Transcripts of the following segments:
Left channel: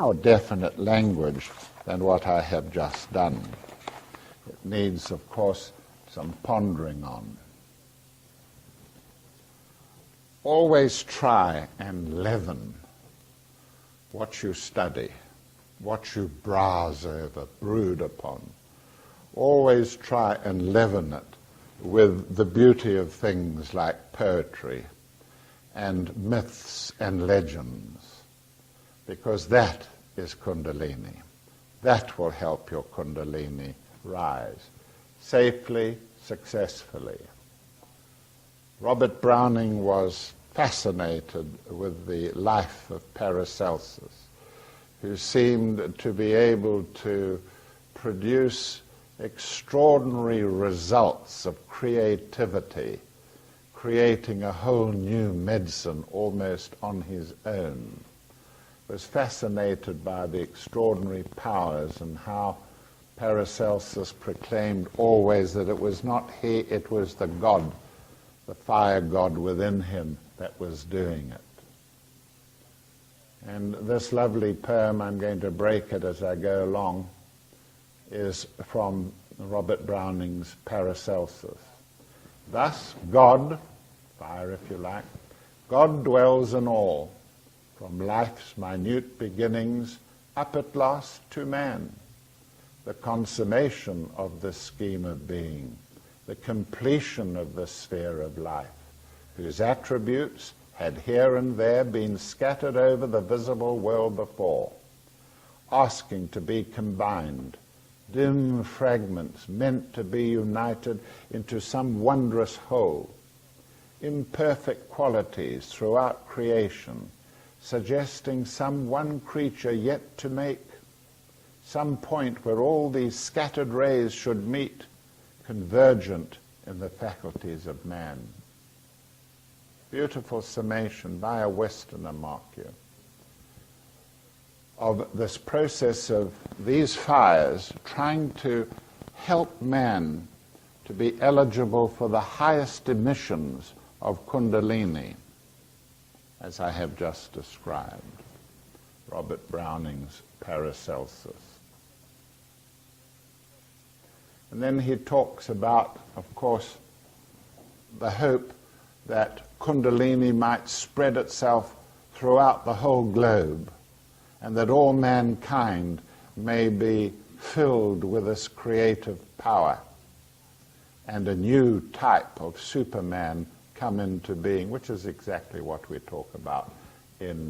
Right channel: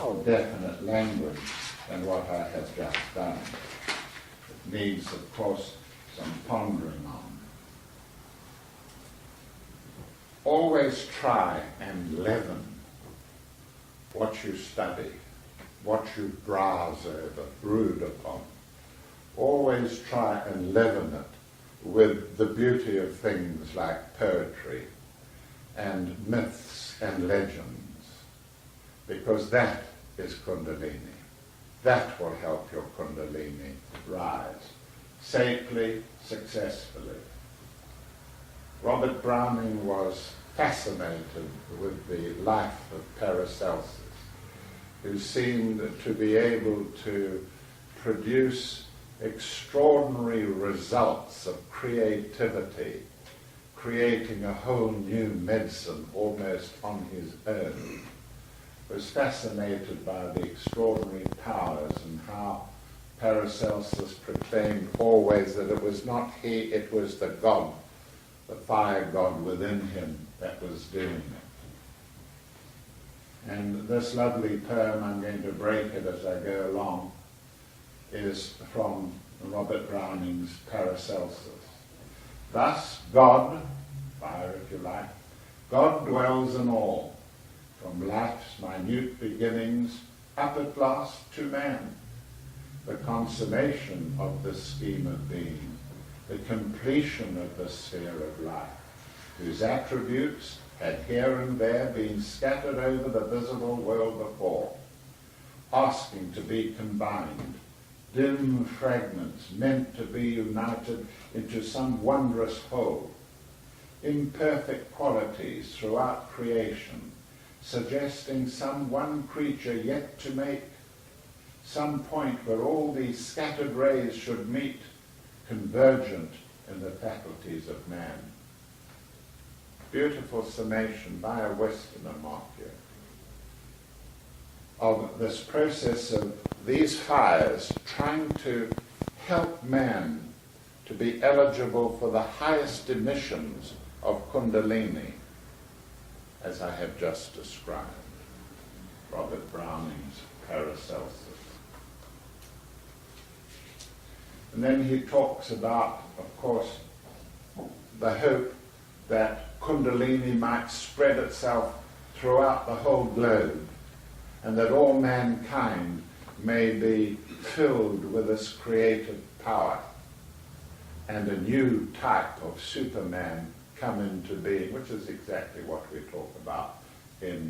more definite language than what I have just done. It needs, of course, some pondering on. Always try and leaven what you study, what you browse over, brood upon. Always try and leaven it with the beauty of things like poetry and myths and legends, because that is Kundalini. That will help your Kundalini rise safely, successfully. Robert Browning was fascinated with the life of Paracelsus, who seemed to be able to produce extraordinary results of creativity, creating a whole new medicine almost on his own. Was fascinated by the extraordinary powers and how Paracelsus proclaimed always that it was not he, it was the God, the fire god within him that was doing it. And this lovely poem, I'm going to break it as I go along, is from Robert Browning's Paracelsus. Thus God, fire if you like, God dwells in all, from life's minute beginnings up at last to man, the consummation of this scheme of being, the completion of the sphere of life, whose attributes had here and there been scattered over the visible world before, asking to be combined, dim fragments meant to be united into some wondrous whole, imperfect qualities throughout creation, suggesting some one creature yet to make, some point where all these scattered rays should meet, convergent in the faculties of man. Beautiful summation by a Westerner, mark you, of this process of these fires trying to help man to be eligible for the highest emissions of Kundalini, as I have just described. Robert Browning's Paracelsus. And then he talks about, of course, the hope that Kundalini might spread itself throughout the whole globe, and that all mankind may be filled with this creative power, and a new type of Superman come into being, which is exactly what we talk about in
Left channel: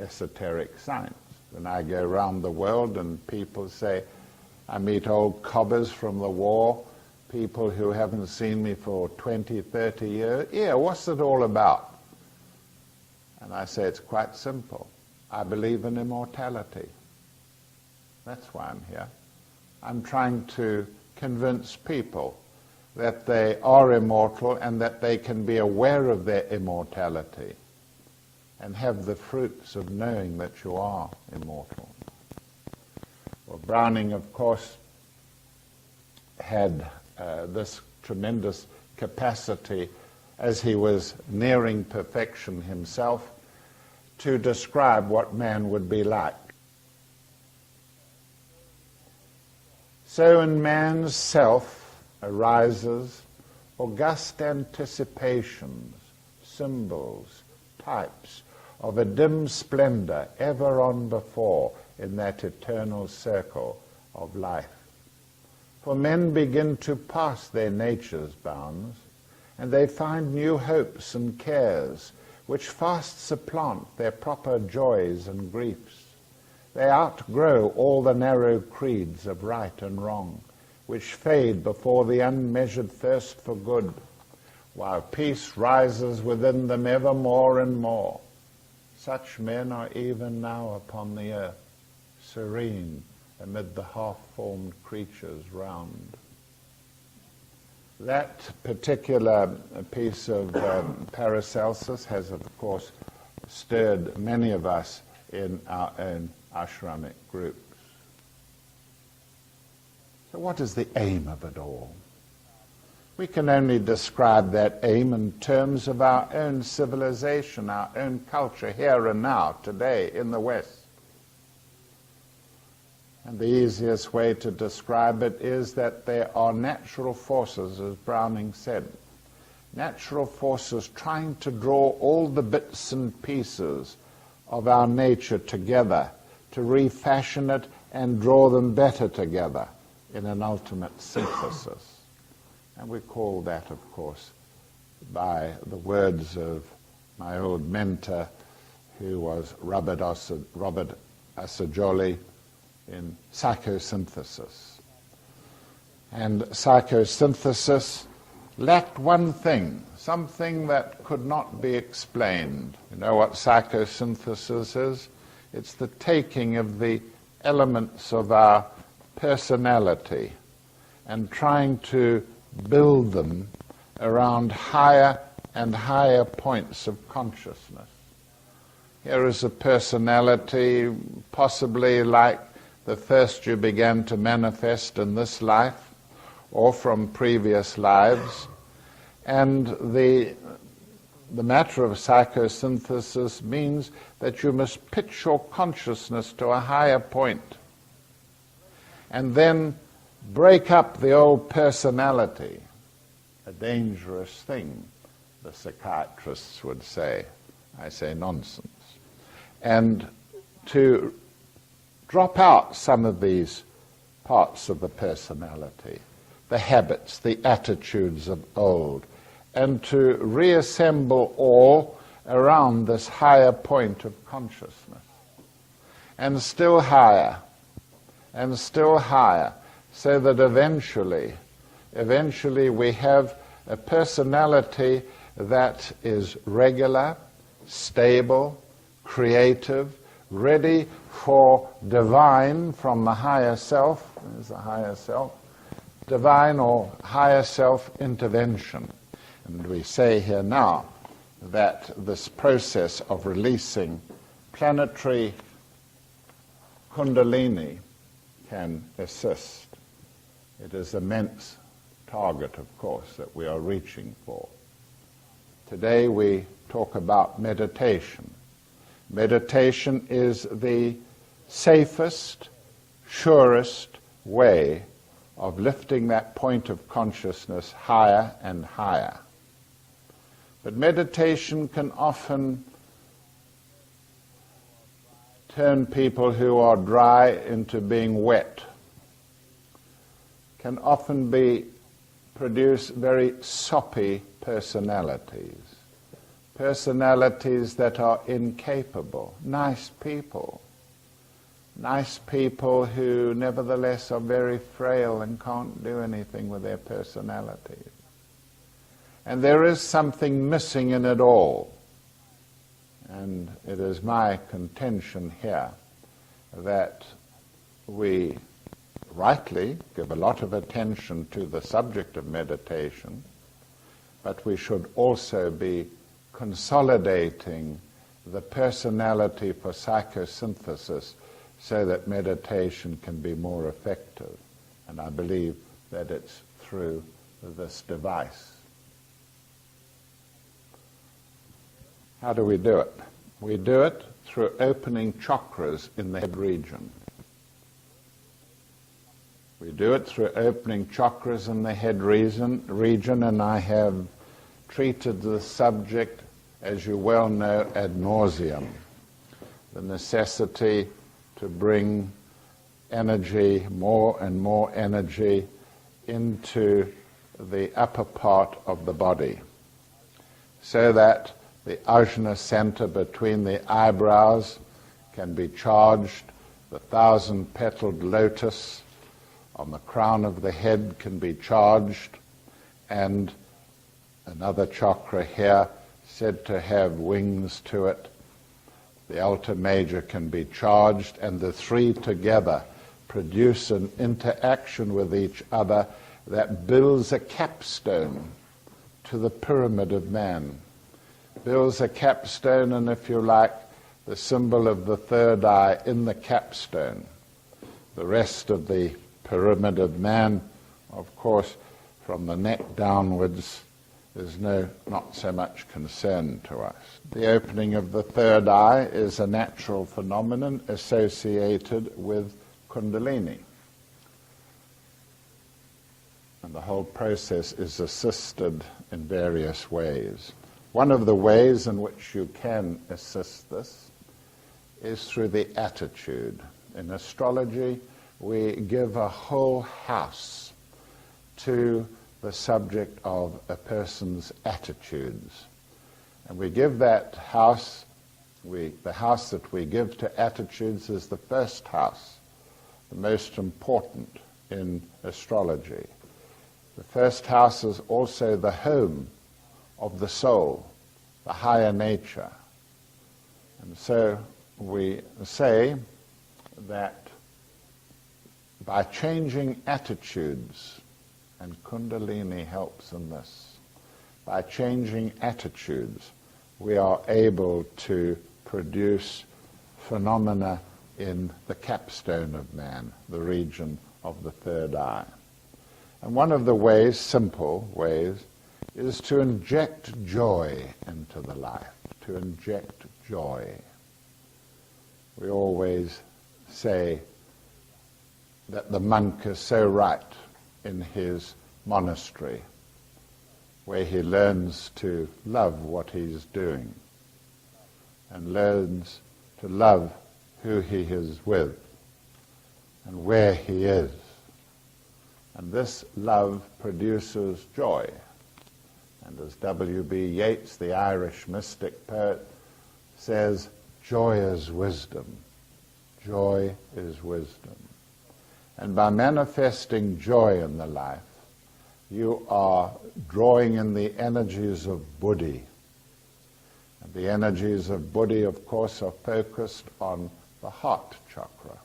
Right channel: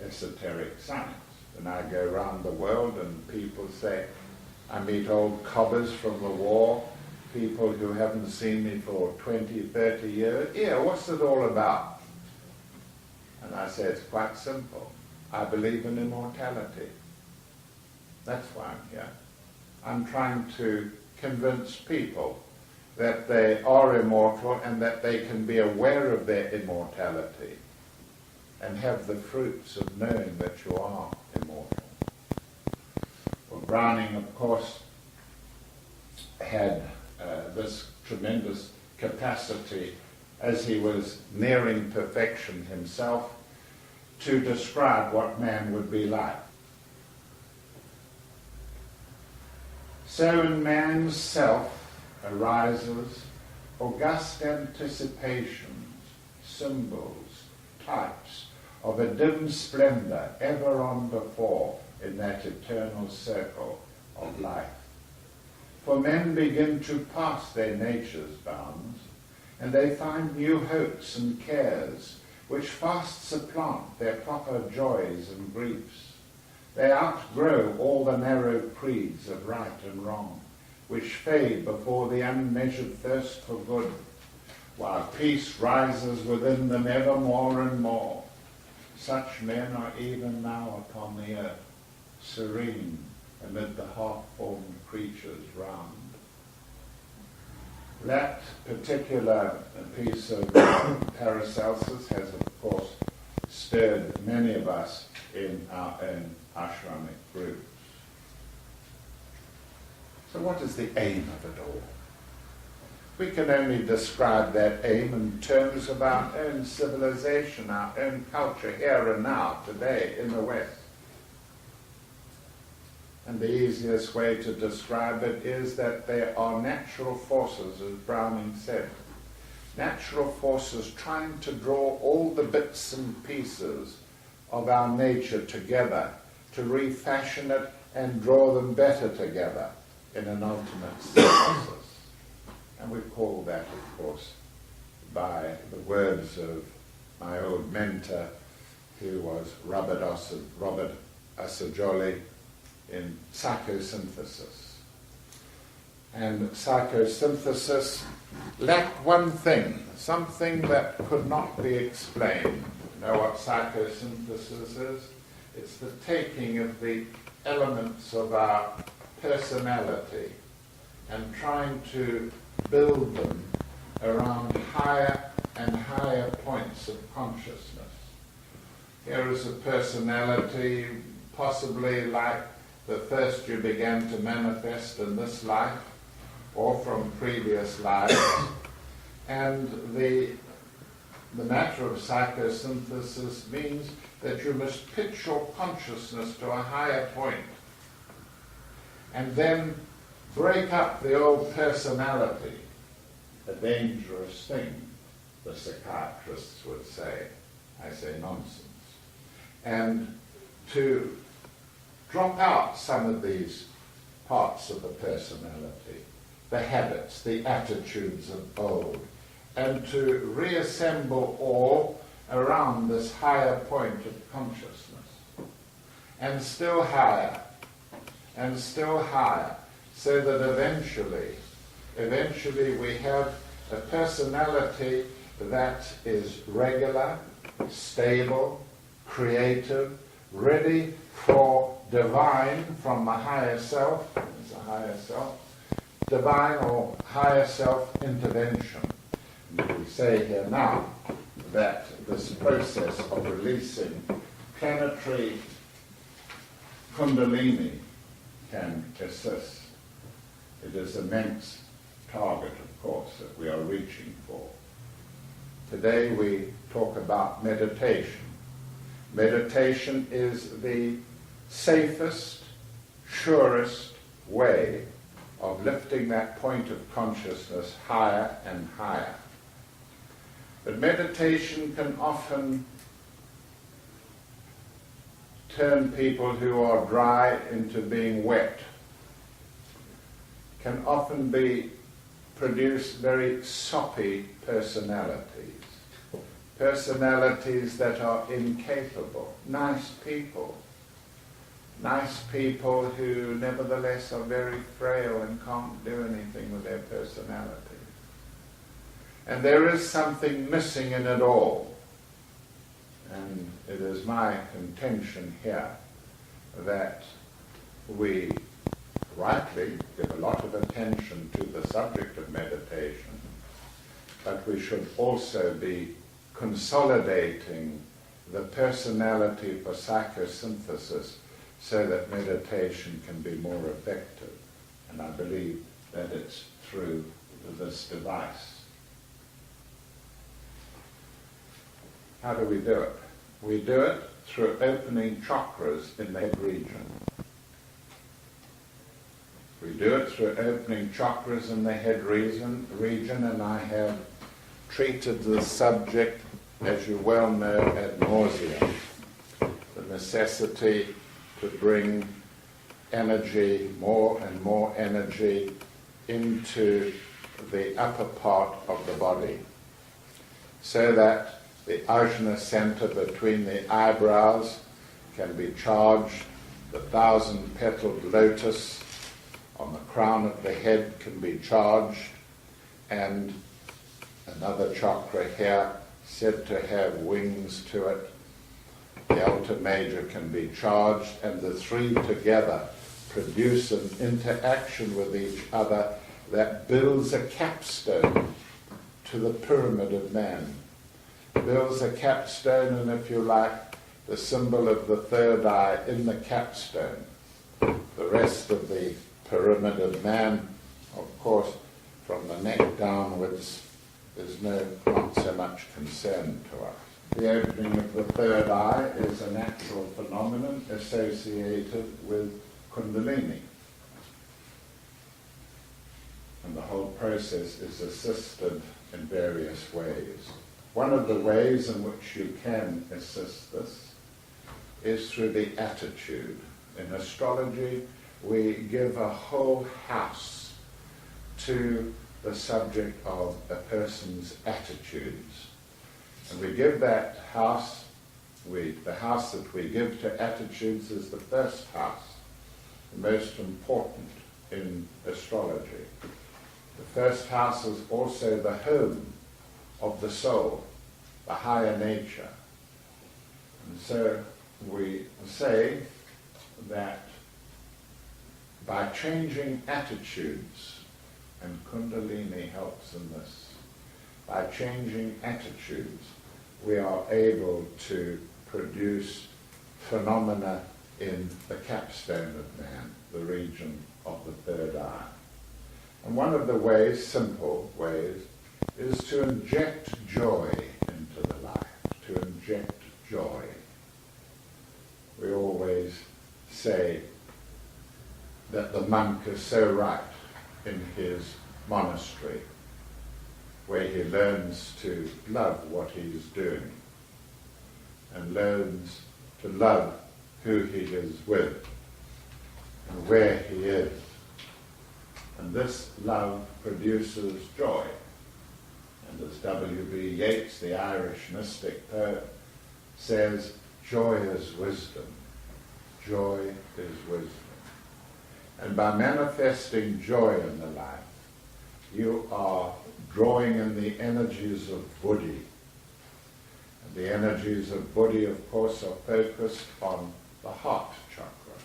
esoteric science. When I go around the world and people say, I meet old cobbers from the war, people who haven't seen me for 20, 30 years, yeah, what's it all about? And I say, it's quite simple. I believe in immortality. That's why I'm here. I'm trying to convince people that they are immortal and that they can be aware of their immortality and have the fruits of knowing that you are immortal. Well, Browning, of course, had this tremendous capacity as he was nearing perfection himself to describe what man would be like. So in man's self arises august anticipations, symbols, types of a dim splendor ever on before in that eternal circle of life. For men begin to pass their nature's bounds, and they find new hopes and cares which fast supplant their proper joys and griefs. They outgrow all the narrow creeds of right and wrong, which fade before the unmeasured thirst for good, while peace rises within them ever more and more. Such men are even now upon the earth, serene amid the half-formed creatures round. That particular piece of Paracelsus has, of course, stirred many of us in our own ashramic groups. So what is the aim of it all? We can only describe that aim in terms of our own civilization, our own culture, here and now, today, in the West. And the easiest way to describe it is that there are natural forces, as Browning said. Natural forces trying to draw all the bits and pieces of our nature together to refashion it and draw them better together in an ultimate synthesis. And we call that, of course, by the words of my old mentor, who was Robert Assagioli, in psychosynthesis. And psychosynthesis lacked one thing, something that could not be explained. You know what psychosynthesis is? It's the taking of the elements of our personality and trying to build them around higher and higher points of consciousness. Here is a personality possibly like the first you began to manifest in this life or from previous lives. And the matter of psychosynthesis means that you must pitch your consciousness to a higher point and then break up the old personality, a dangerous thing, the psychiatrists would say. I say nonsense. And to drop out some of these parts of the personality, the habits, the attitudes of old, and to reassemble all around this higher point of consciousness. And still higher, so that eventually we have a personality that is regular, stable, creative, ready for divine from the higher self, there's a higher self, divine or higher self intervention. And we say here now that this process of releasing planetary Kundalini can assist. It is an immense target, of course, that we are reaching for. Today we talk about meditation. Meditation is the safest, surest way of lifting that point of consciousness higher and higher. But meditation can often turn people who are dry into being wet, can often produce very soppy personalities. Personalities that are incapable, nice people who nevertheless are very frail and can't do anything with their personality. And there is something missing in it all. And it is my contention here that we rightly give a lot of attention to the subject of meditation, but we should also be consolidating the personality for psychosynthesis so that meditation can be more effective. And I believe that it's through this device. How do we do it? We do it through opening chakras in the head region. We do it through opening chakras in the head region, and I have treated the subject, as you well know, ad nauseum. The necessity to bring energy, more and more energy, into the upper part of the body, so that the ajna center between the eyebrows can be charged, the 1,000-petaled lotus on the crown of the head can be charged, and another chakra here, said to have wings to it, the altar major, can be charged, and the three together produce an interaction with each other that builds a capstone to the pyramid of man. Builds a capstone, and if you like, the symbol of the third eye in the capstone. The rest of the pyramid of man, of course, from the neck downwards, there's not so much concern to us. The opening of the third eye is a natural phenomenon associated with Kundalini. And the whole process is assisted in various ways. One of the ways in which you can assist this is through the attitude. In astrology, we give a whole house to the subject of a person's attitudes. And we give that house, the house that we give to attitudes is the first house, the most important in astrology. The first house is also the home of the soul, the higher nature. And so we say that by changing attitudes, and Kundalini helps in this, by changing attitudes, we are able to produce phenomena in the capstone of man, the region of the third eye. And one of the ways, simple ways, is to inject joy into the life, to inject joy. We always say that the monk is so right in his monastery, where he learns to love what he's doing and learns to love who he is with and where he is. And this love produces joy. And as W.B. Yeats, the Irish mystic poet, says, joy is wisdom. Joy is wisdom. And by manifesting joy in the life, you are drawing in the energies of Buddhi. And the energies of Buddhi, of course, are focused on the heart chakra.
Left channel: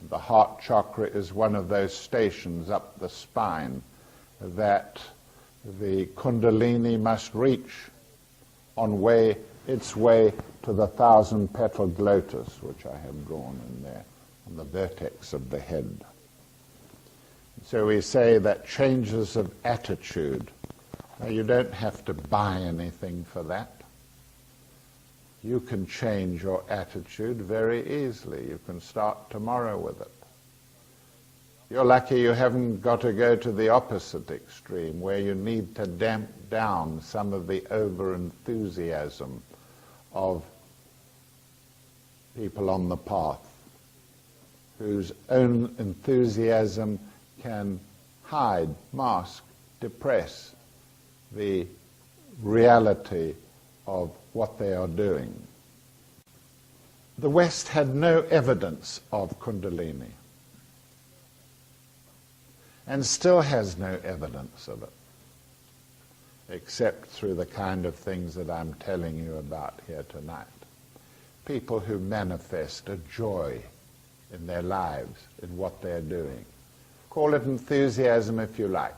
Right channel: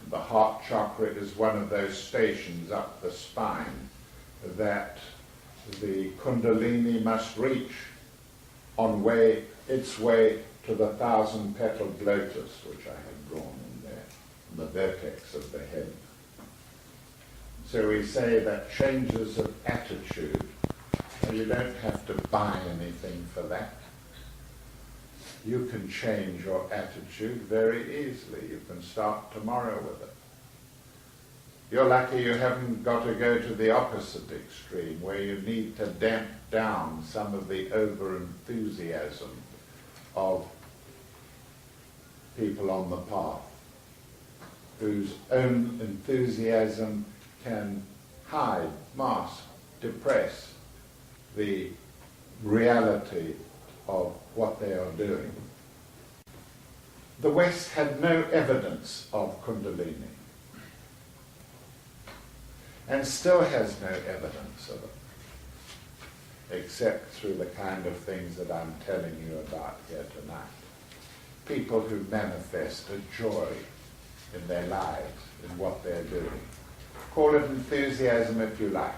And the heart chakra is one of those stations up the spine that the Kundalini must reach on its way to the 1,000-petaled lotus, which I have drawn in there, on the vertex of the head. So we say that changes of attitude, now you don't have to buy anything for that. You can change your attitude very easily. You can start tomorrow with it. You're lucky you haven't got to go to the opposite extreme, where you need to damp down some of the over-enthusiasm of people on the path, whose own enthusiasm can hide, mask, depress the reality of what they are doing. The West had no evidence of Kundalini, and still has no evidence of it, except through the kind of things that I'm telling you about here tonight. People who manifest a joy in their lives, in what they're doing. Call it enthusiasm if you like,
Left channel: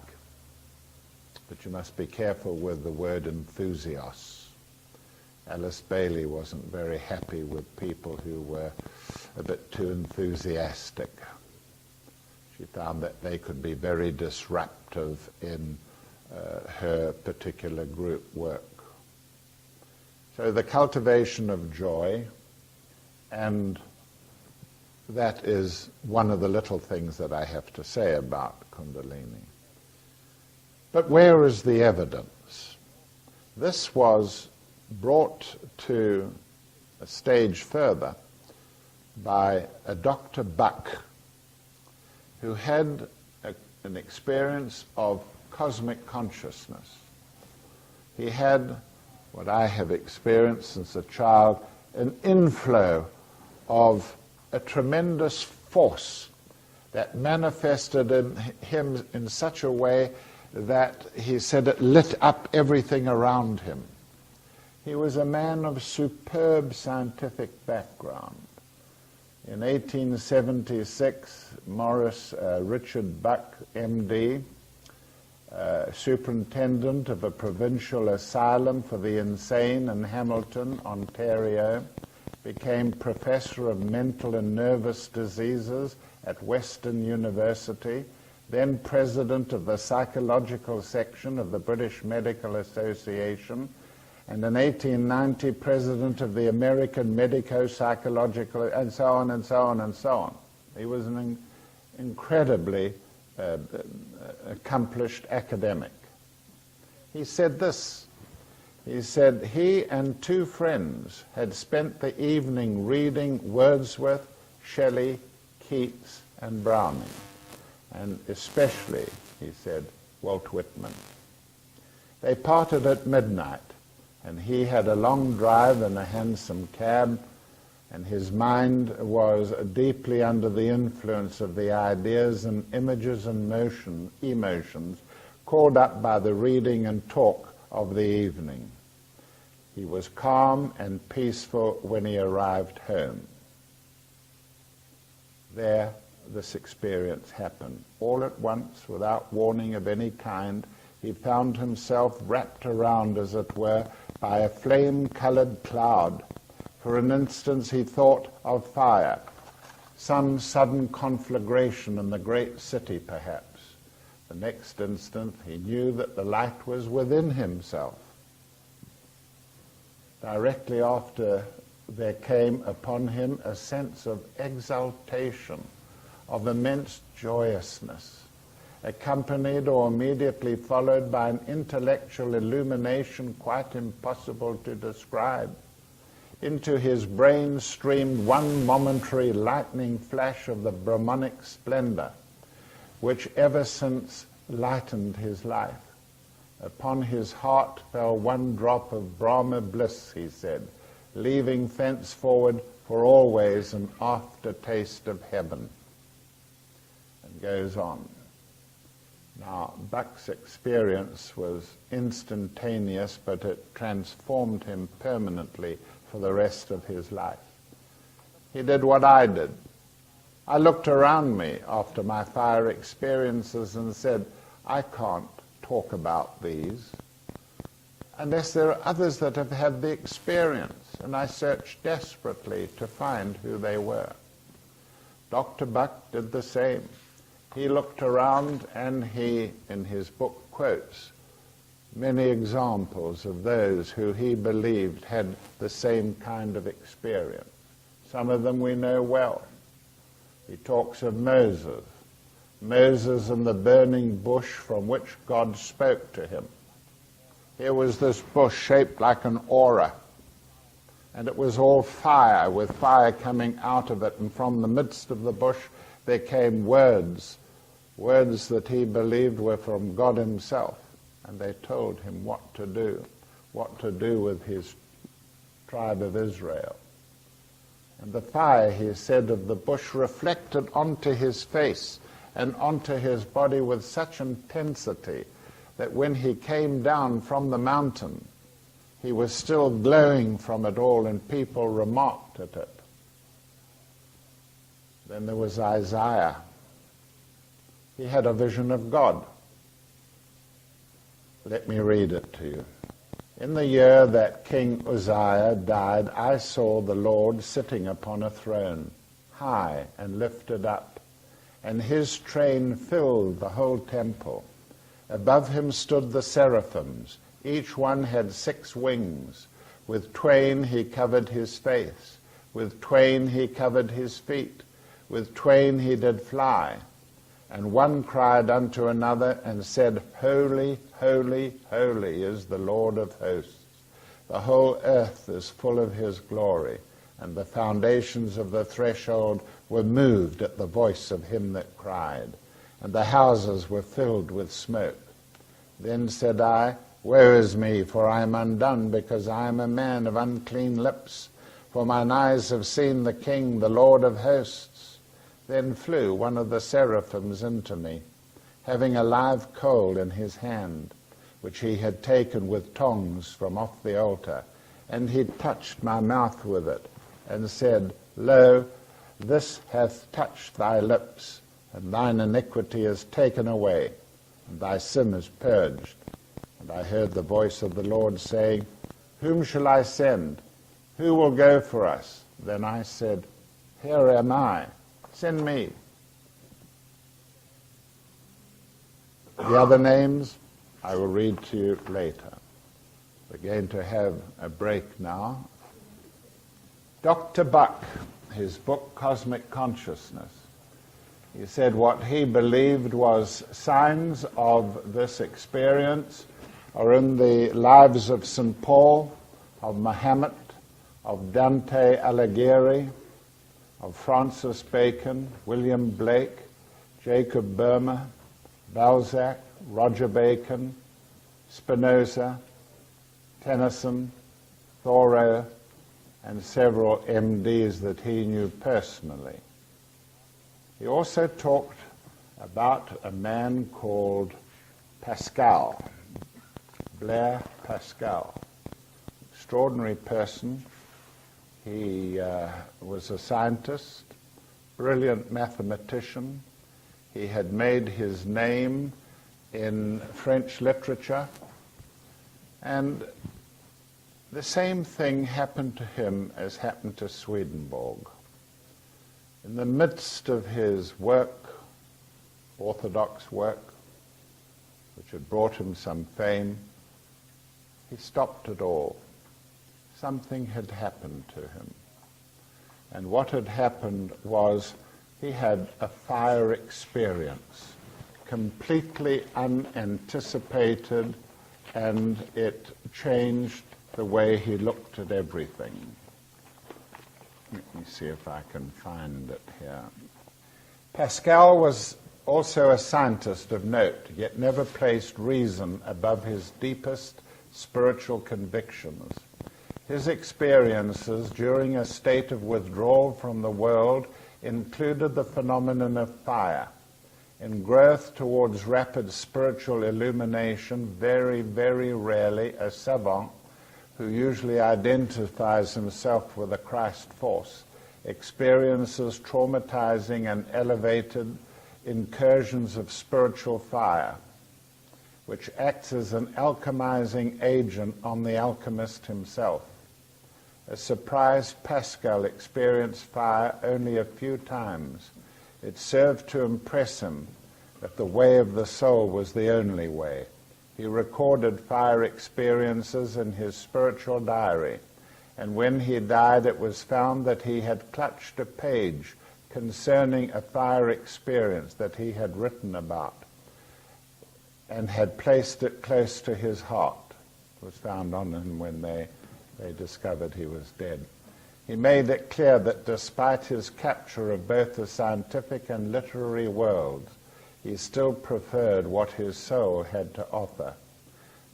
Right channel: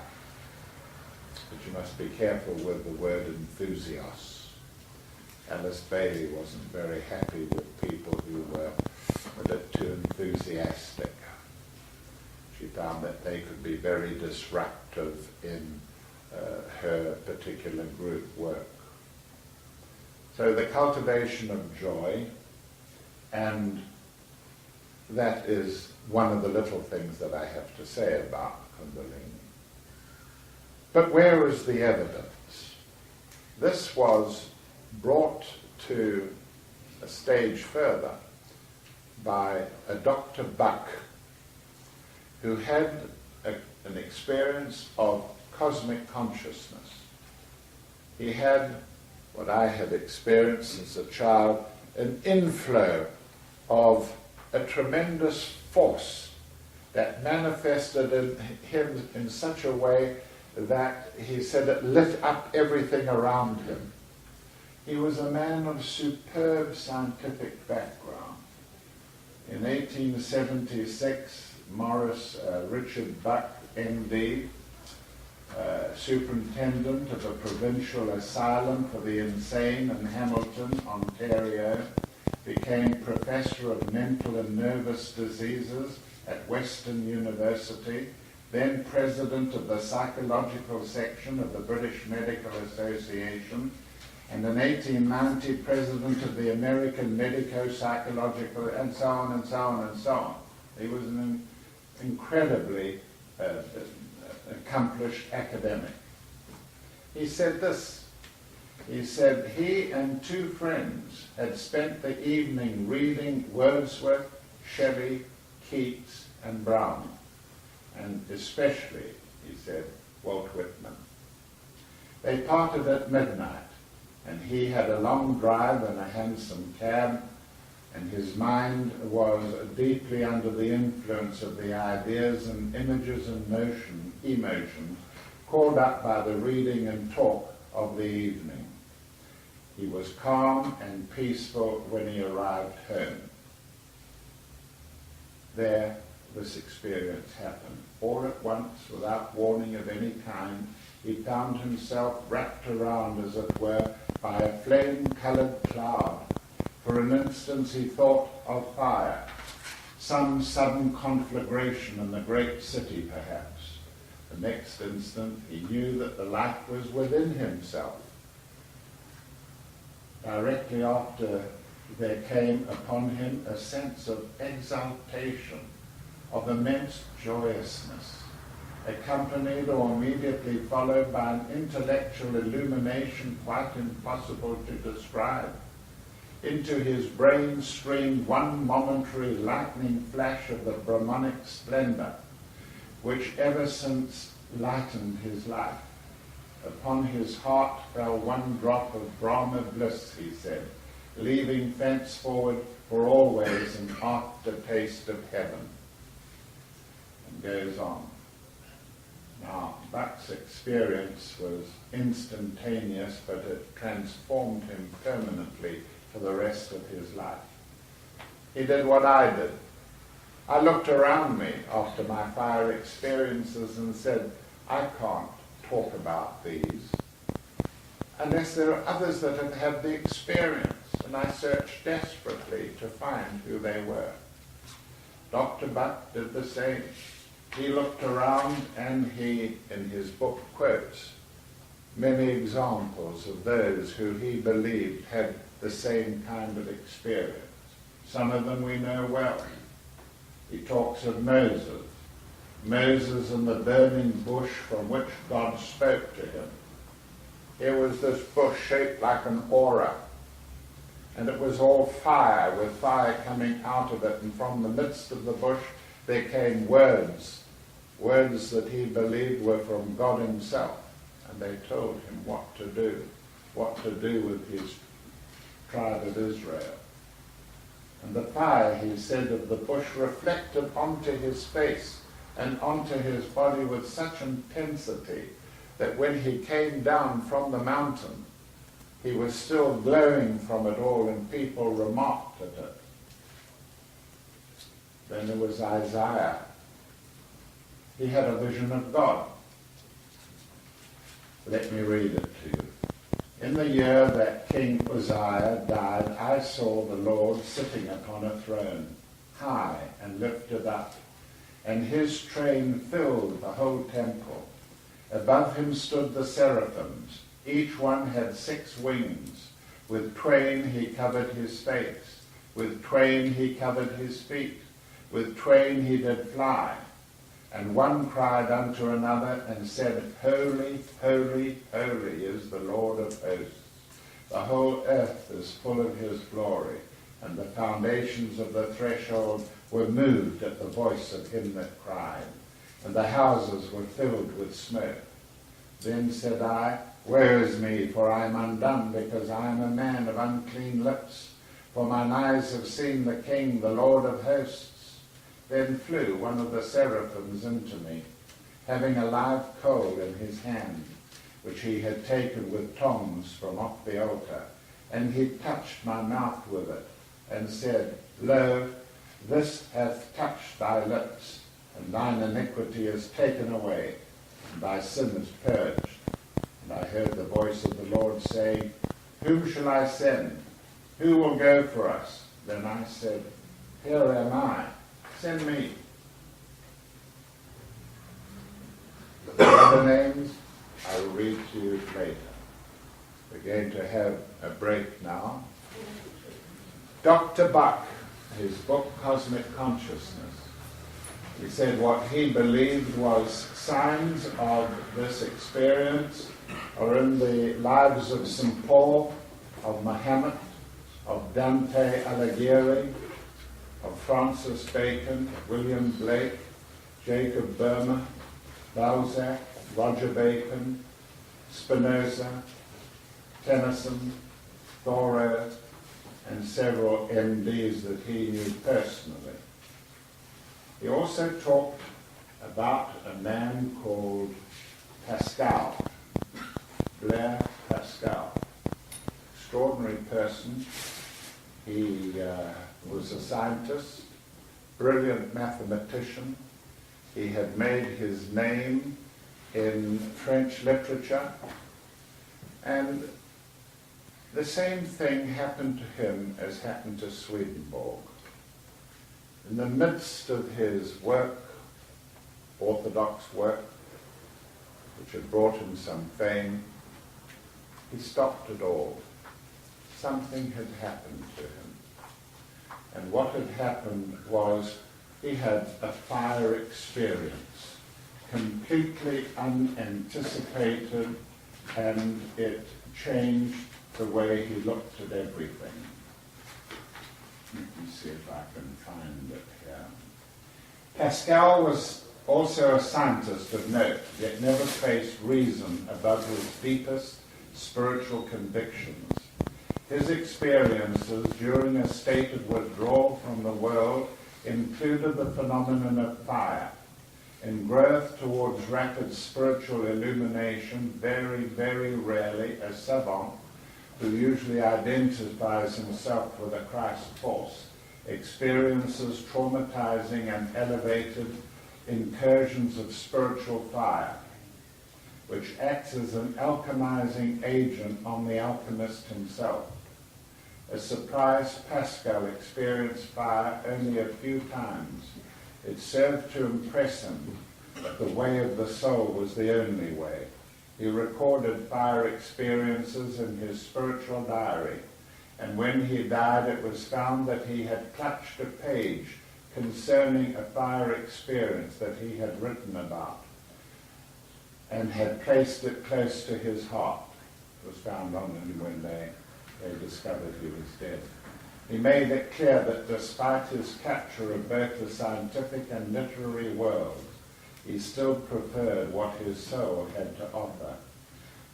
but you must be careful with the word enthusios. Alice Bailey wasn't very happy with people who were a bit too enthusiastic. She found that they could be very disruptive in her particular group work. So the cultivation of joy, and that is one of the little things that I have to say about Kundalini. But where is the evidence? This was brought to a stage further by a Dr. Buck, who had an experience of cosmic consciousness. He had what I have experienced since a child, an inflow of a tremendous force that manifested in him in such a way that he said it lit up everything around him. He was a man of superb scientific background. In 1876, Richard Buck, MD, superintendent of a provincial asylum for the insane in Hamilton, Ontario, became professor of mental and nervous diseases at Western University, then president of the psychological section of the British Medical Association, and in 1890 president of the American Medico-Psychological, and so on and so on and so on. He was an incredibly accomplished academic. He said this. He said he and two friends had spent the evening reading Wordsworth, Shelley, Keats, and Browning, and especially, he said, Walt Whitman. They parted at midnight, and he had a long drive in a hansom cab, and his mind was deeply under the influence of the ideas and images and emotions called up by the reading and talk of the evening. He was calm and peaceful when he arrived home. There, this experience happened. All at once, without warning of any kind, he found himself wrapped around, as it were, by a flame-coloured cloud. For an instant he thought of fire, some sudden conflagration in the great city perhaps. The next instant he knew that the light was within himself. Directly after, there came upon him a sense of exaltation, of immense joyousness, accompanied or immediately followed by an intellectual illumination quite impossible to describe. Into his brain streamed one momentary lightning flash of the Brahmanic splendor, which ever since lightened his life. Upon his heart fell one drop of Brahma bliss, he said, leaving thenceforward for always an aftertaste of heaven. And goes on. Now, Buck's experience was instantaneous, but it transformed him permanently for the rest of his life. He did what I did. I looked around me after my fire experiences and said, I can't talk about these unless there are others that have had the experience, and I searched desperately to find who they were. Dr. Buck did the same. He looked around and he, in his book, quotes many examples of those who he believed had the same kind of experience. Some of them we know well. He talks of Moses and the burning bush from which God spoke to him. Here was this bush shaped like an aura, and it was all fire, with fire coming out of it, and from the midst of the bush there came words that he believed were from God himself, and they told him what to do with his tribe of Israel. And the fire, he said, of the bush reflected onto his face and onto his body with such intensity that when he came down from the mountain, he was still glowing from it all, and people remarked at it. Then there was Isaiah. He had a vision of God. Let me read it to you. In the year that King Uzziah died, I saw the Lord sitting upon a throne, high and lifted up, and his train filled the whole temple. Above him stood the seraphims. Each one had 6 wings. With twain he covered his face. With twain he covered his feet. With twain he did fly. And one cried unto another and said, Holy, holy, holy is the Lord of hosts. The whole earth is full of his glory. And the foundations of the threshold were moved at the voice of him that cried. And the houses were filled with smoke. Then said I, Woe is me, for I am undone, because I am a man of unclean lips. For mine eyes have seen the King, the Lord of hosts. Then flew one of the seraphims into me, having a live coal in his hand, which he had taken with tongs from off the altar. And he touched my mouth with it, and said, Lo, this hath touched thy lips, and thine iniquity is taken away, and thy sin is purged. And I heard the voice of the Lord saying, Whom shall I send? Who will go for us? Then I said, Here am I. Send me. The other names I will read to you later. We're going to have a break now. Dr. Buck, his book Cosmic Consciousness, He said what he believed was signs of this experience are in the lives of St. Paul, of Muhammad, of Dante Alighieri, of Francis Bacon, William Blake, Jacob Boehme, Balzac, Roger Bacon, Spinoza, Tennyson, Thoreau, and several MDs that he knew personally. He also talked about a man called Pascal, Blaise Pascal. Extraordinary person. He was a scientist, brilliant mathematician. He had made his name in French literature, and the same thing happened to him as happened to Swedenborg. In the midst of his work, orthodox work, which had brought him some fame, he stopped it all. Something had happened to him. And what had happened was he had a fire experience, completely unanticipated, and it changed the way he looked at everything. Let me see if I can find it here. Pascal was also a scientist of note, yet never placed reason above his deepest spiritual convictions. His experiences during a state of withdrawal from the world included the phenomenon of fire. In growth towards rapid spiritual illumination, very, very rarely a savant who usually identifies himself with a Christ force experiences traumatizing and elevated incursions of spiritual fire, which acts as an alchemizing agent on the alchemist himself. A surprised Pascal experienced fire only a few times. It served to impress him that the way of the soul was the only way. He recorded fire experiences in his spiritual diary, and when he died it was found that he had clutched a page concerning a fire experience that he had written about and had placed it close to his heart. It was found on him when they discovered he was dead. He made it clear that despite his capture of both the scientific and literary worlds, he still preferred what his soul had to offer.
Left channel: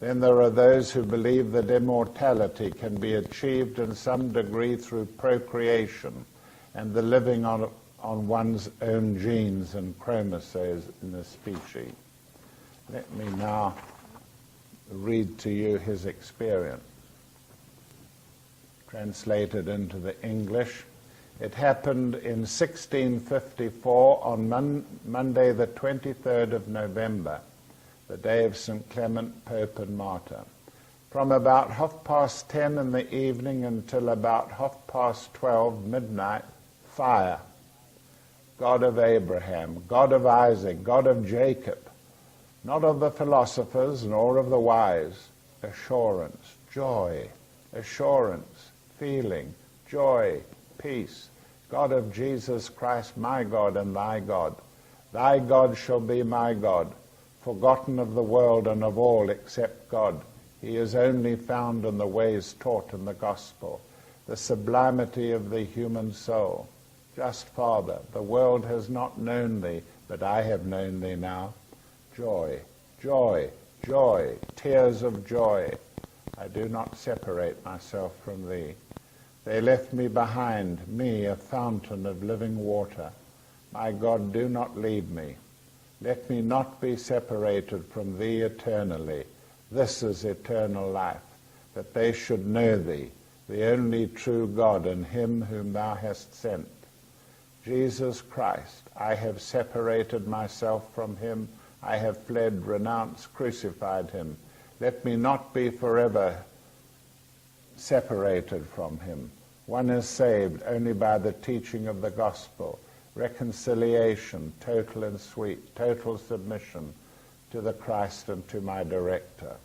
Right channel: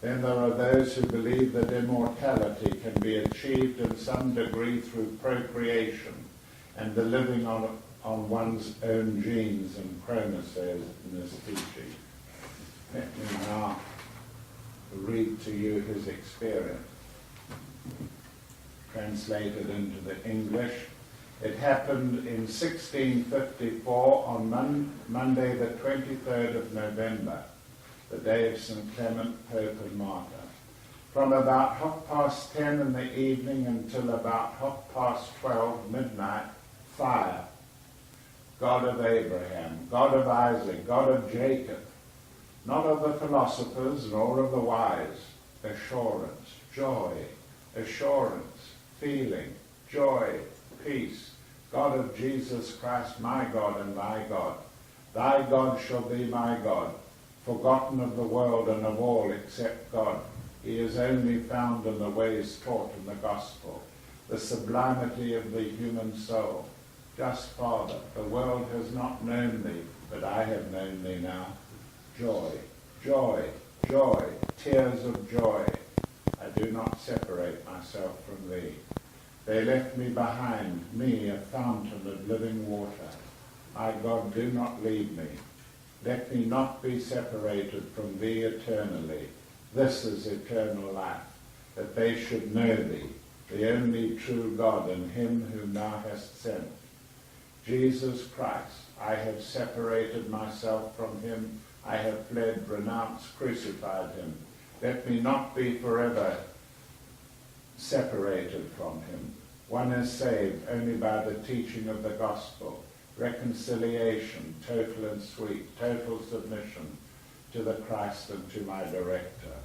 Then there are those who believe that immortality can be achieved in some degree through procreation and the living on one's own genes and chromosomes in a species. Let me now read to you his experience. Translated into the English. It happened in 1654 on Monday the 23rd of November, the day of St. Clement, Pope and Martyr. From about 10:30 in the evening until about 12:30 midnight, fire. God of Abraham, God of Isaac, God of Jacob, not of the philosophers nor of the wise, assurance, joy, assurance, feeling, joy, peace, God of Jesus Christ, my God and thy God. Thy God shall be my God, forgotten of the world and of all except God. He is only found in the ways taught in the gospel, the sublimity of the human soul. Just Father, the world has not known thee, but I have known thee now. Joy, joy, joy, tears of joy. I do not separate myself from thee. They left me behind, me a fountain of living water. My God, do not leave me. Let me not be separated from thee eternally. This is eternal life, that they should know thee, the only true God, and him whom thou hast sent. Jesus Christ, I have separated myself from him. I have fled, renounced, crucified him. Let me not be forever separated from him. One is saved only by the teaching of the gospel, reconciliation, total and sweet, total submission to the Christ and to my director.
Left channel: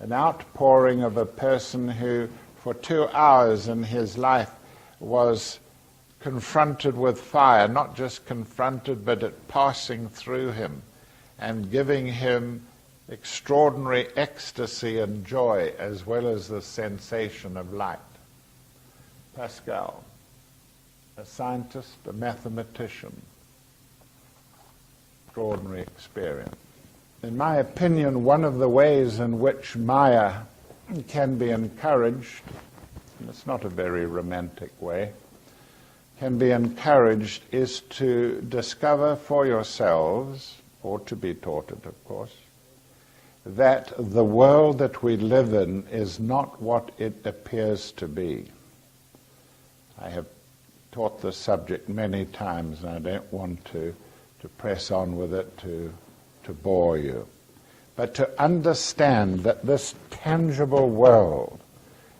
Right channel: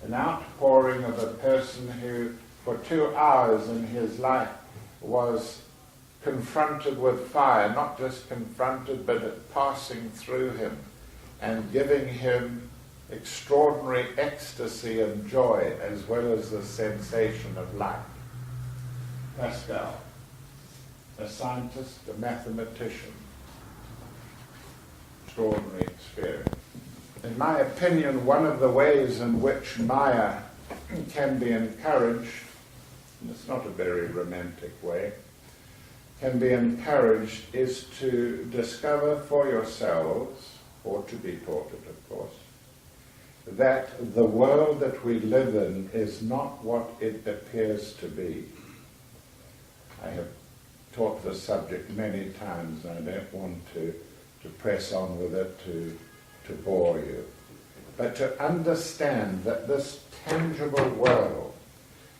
An outpouring of a person who for 2 hours in his life was confronted with fire, not just confronted, but it passing through him and giving him extraordinary ecstasy and joy, as well as the sensation of light. Pascal, a scientist, a mathematician, extraordinary experience. In my opinion, one of the ways in which Maya can be encouraged, and it's not a very romantic way, can be encouraged is to discover for yourselves, or to be taught it, of course, that the world that we live in is not what it appears to be. I have taught this subject many times, and I don't want to press on with it to bore you. But to understand that this tangible world,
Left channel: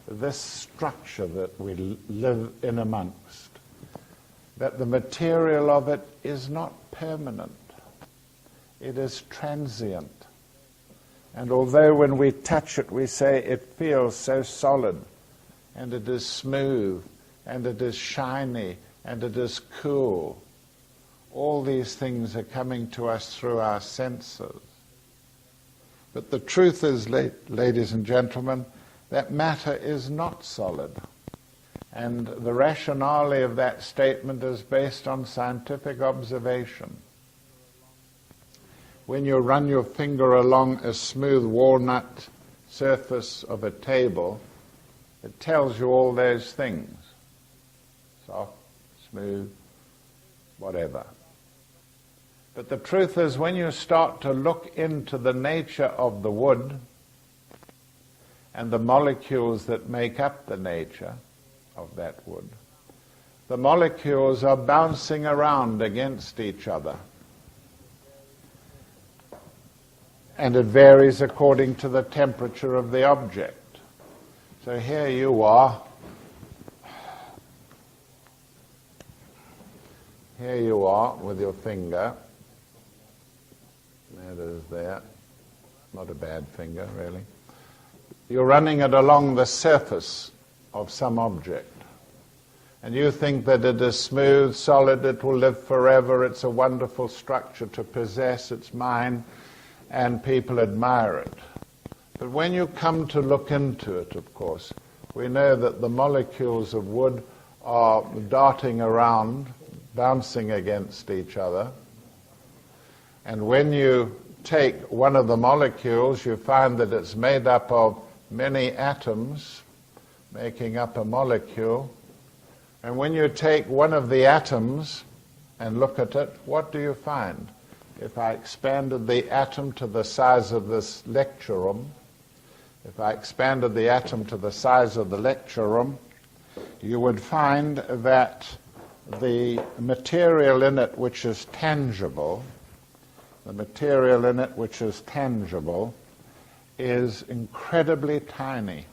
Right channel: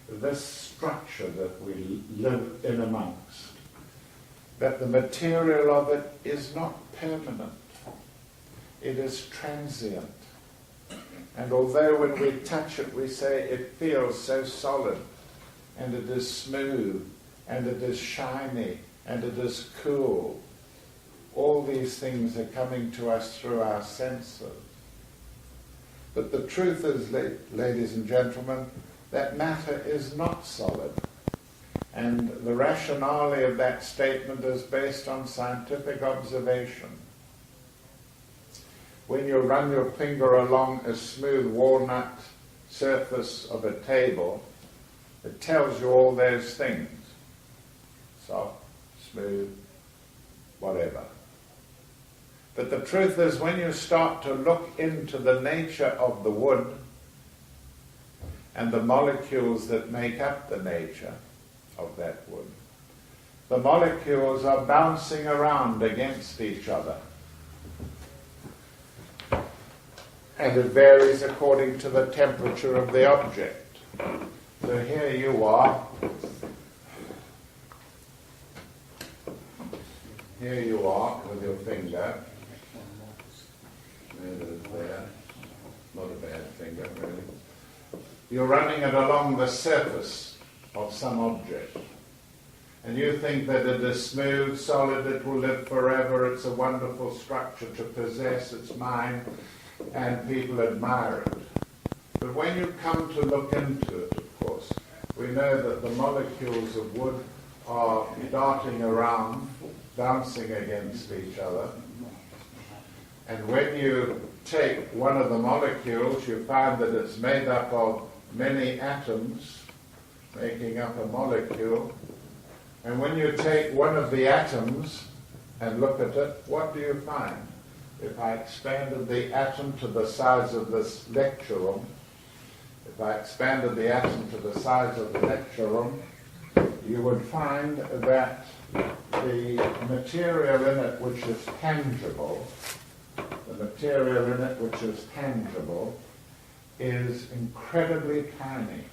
this structure that we live in amongst, that the material of it is not permanent. It is transient. And although when we touch it we say it feels so solid, and it is smooth, and it is shiny, and it is cool, all these things are coming to us through our senses. But the truth is, ladies and gentlemen, that matter is not solid. And the rationale of that statement is based on scientific observation. When you run your finger along a smooth walnut surface of a table, it tells you all those things. Soft, smooth, whatever. But the truth is, when you start to look into the nature of the wood and the molecules that make up the nature of that wood, the molecules are bouncing around against each other. And it varies according to the temperature of the object. So here you are. Here you are with your finger. There it is there. Not a bad finger, really. You're running it along the surface of some object. And you think that it is smooth, solid, it will live forever, it's a wonderful structure to possess, it's mine, and people admire it. But when you come to look into it, of course, we know that the molecules of wood are darting around, bouncing against each other. And when you take one of the molecules, you find that it's made up of many atoms, making up a molecule. And when you take one of the atoms and look at it, what do you find? If I expanded the atom to the size of this lecture room, if I expanded the atom to the size of the lecture room, you would find that the material in it which is tangible, is incredibly tiny.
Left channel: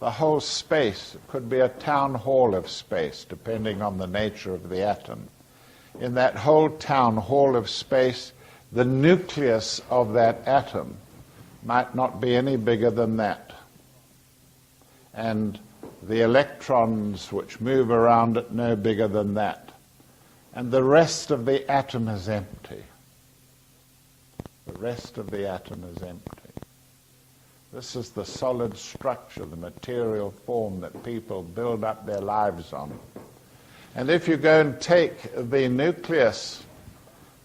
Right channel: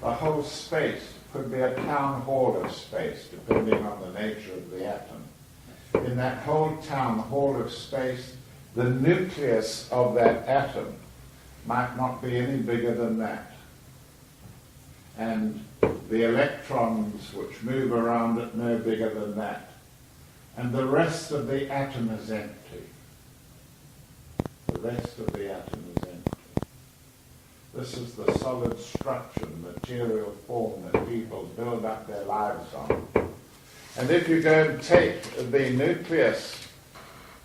The whole space could be a town hall of space, depending on the nature of the atom. In that whole town hall of space, the nucleus of that atom might not be any bigger than that. And the electrons which move around it no bigger than that. And the rest of the atom is empty. The rest of the atom is empty. This is the solid structure, the material form that people build up their lives on. And if you go and take the nucleus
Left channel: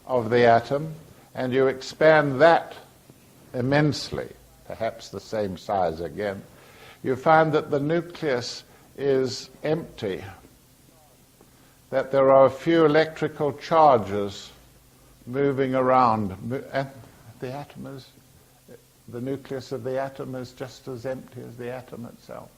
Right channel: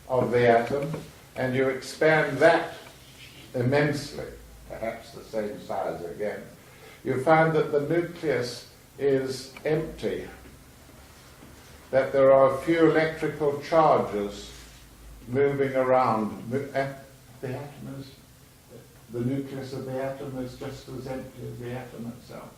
of the atom and you expand that immensely, perhaps the same size again, you find that the nucleus is empty, that there are a few electrical charges moving around. And the nucleus of the atom is just as empty as the atom itself.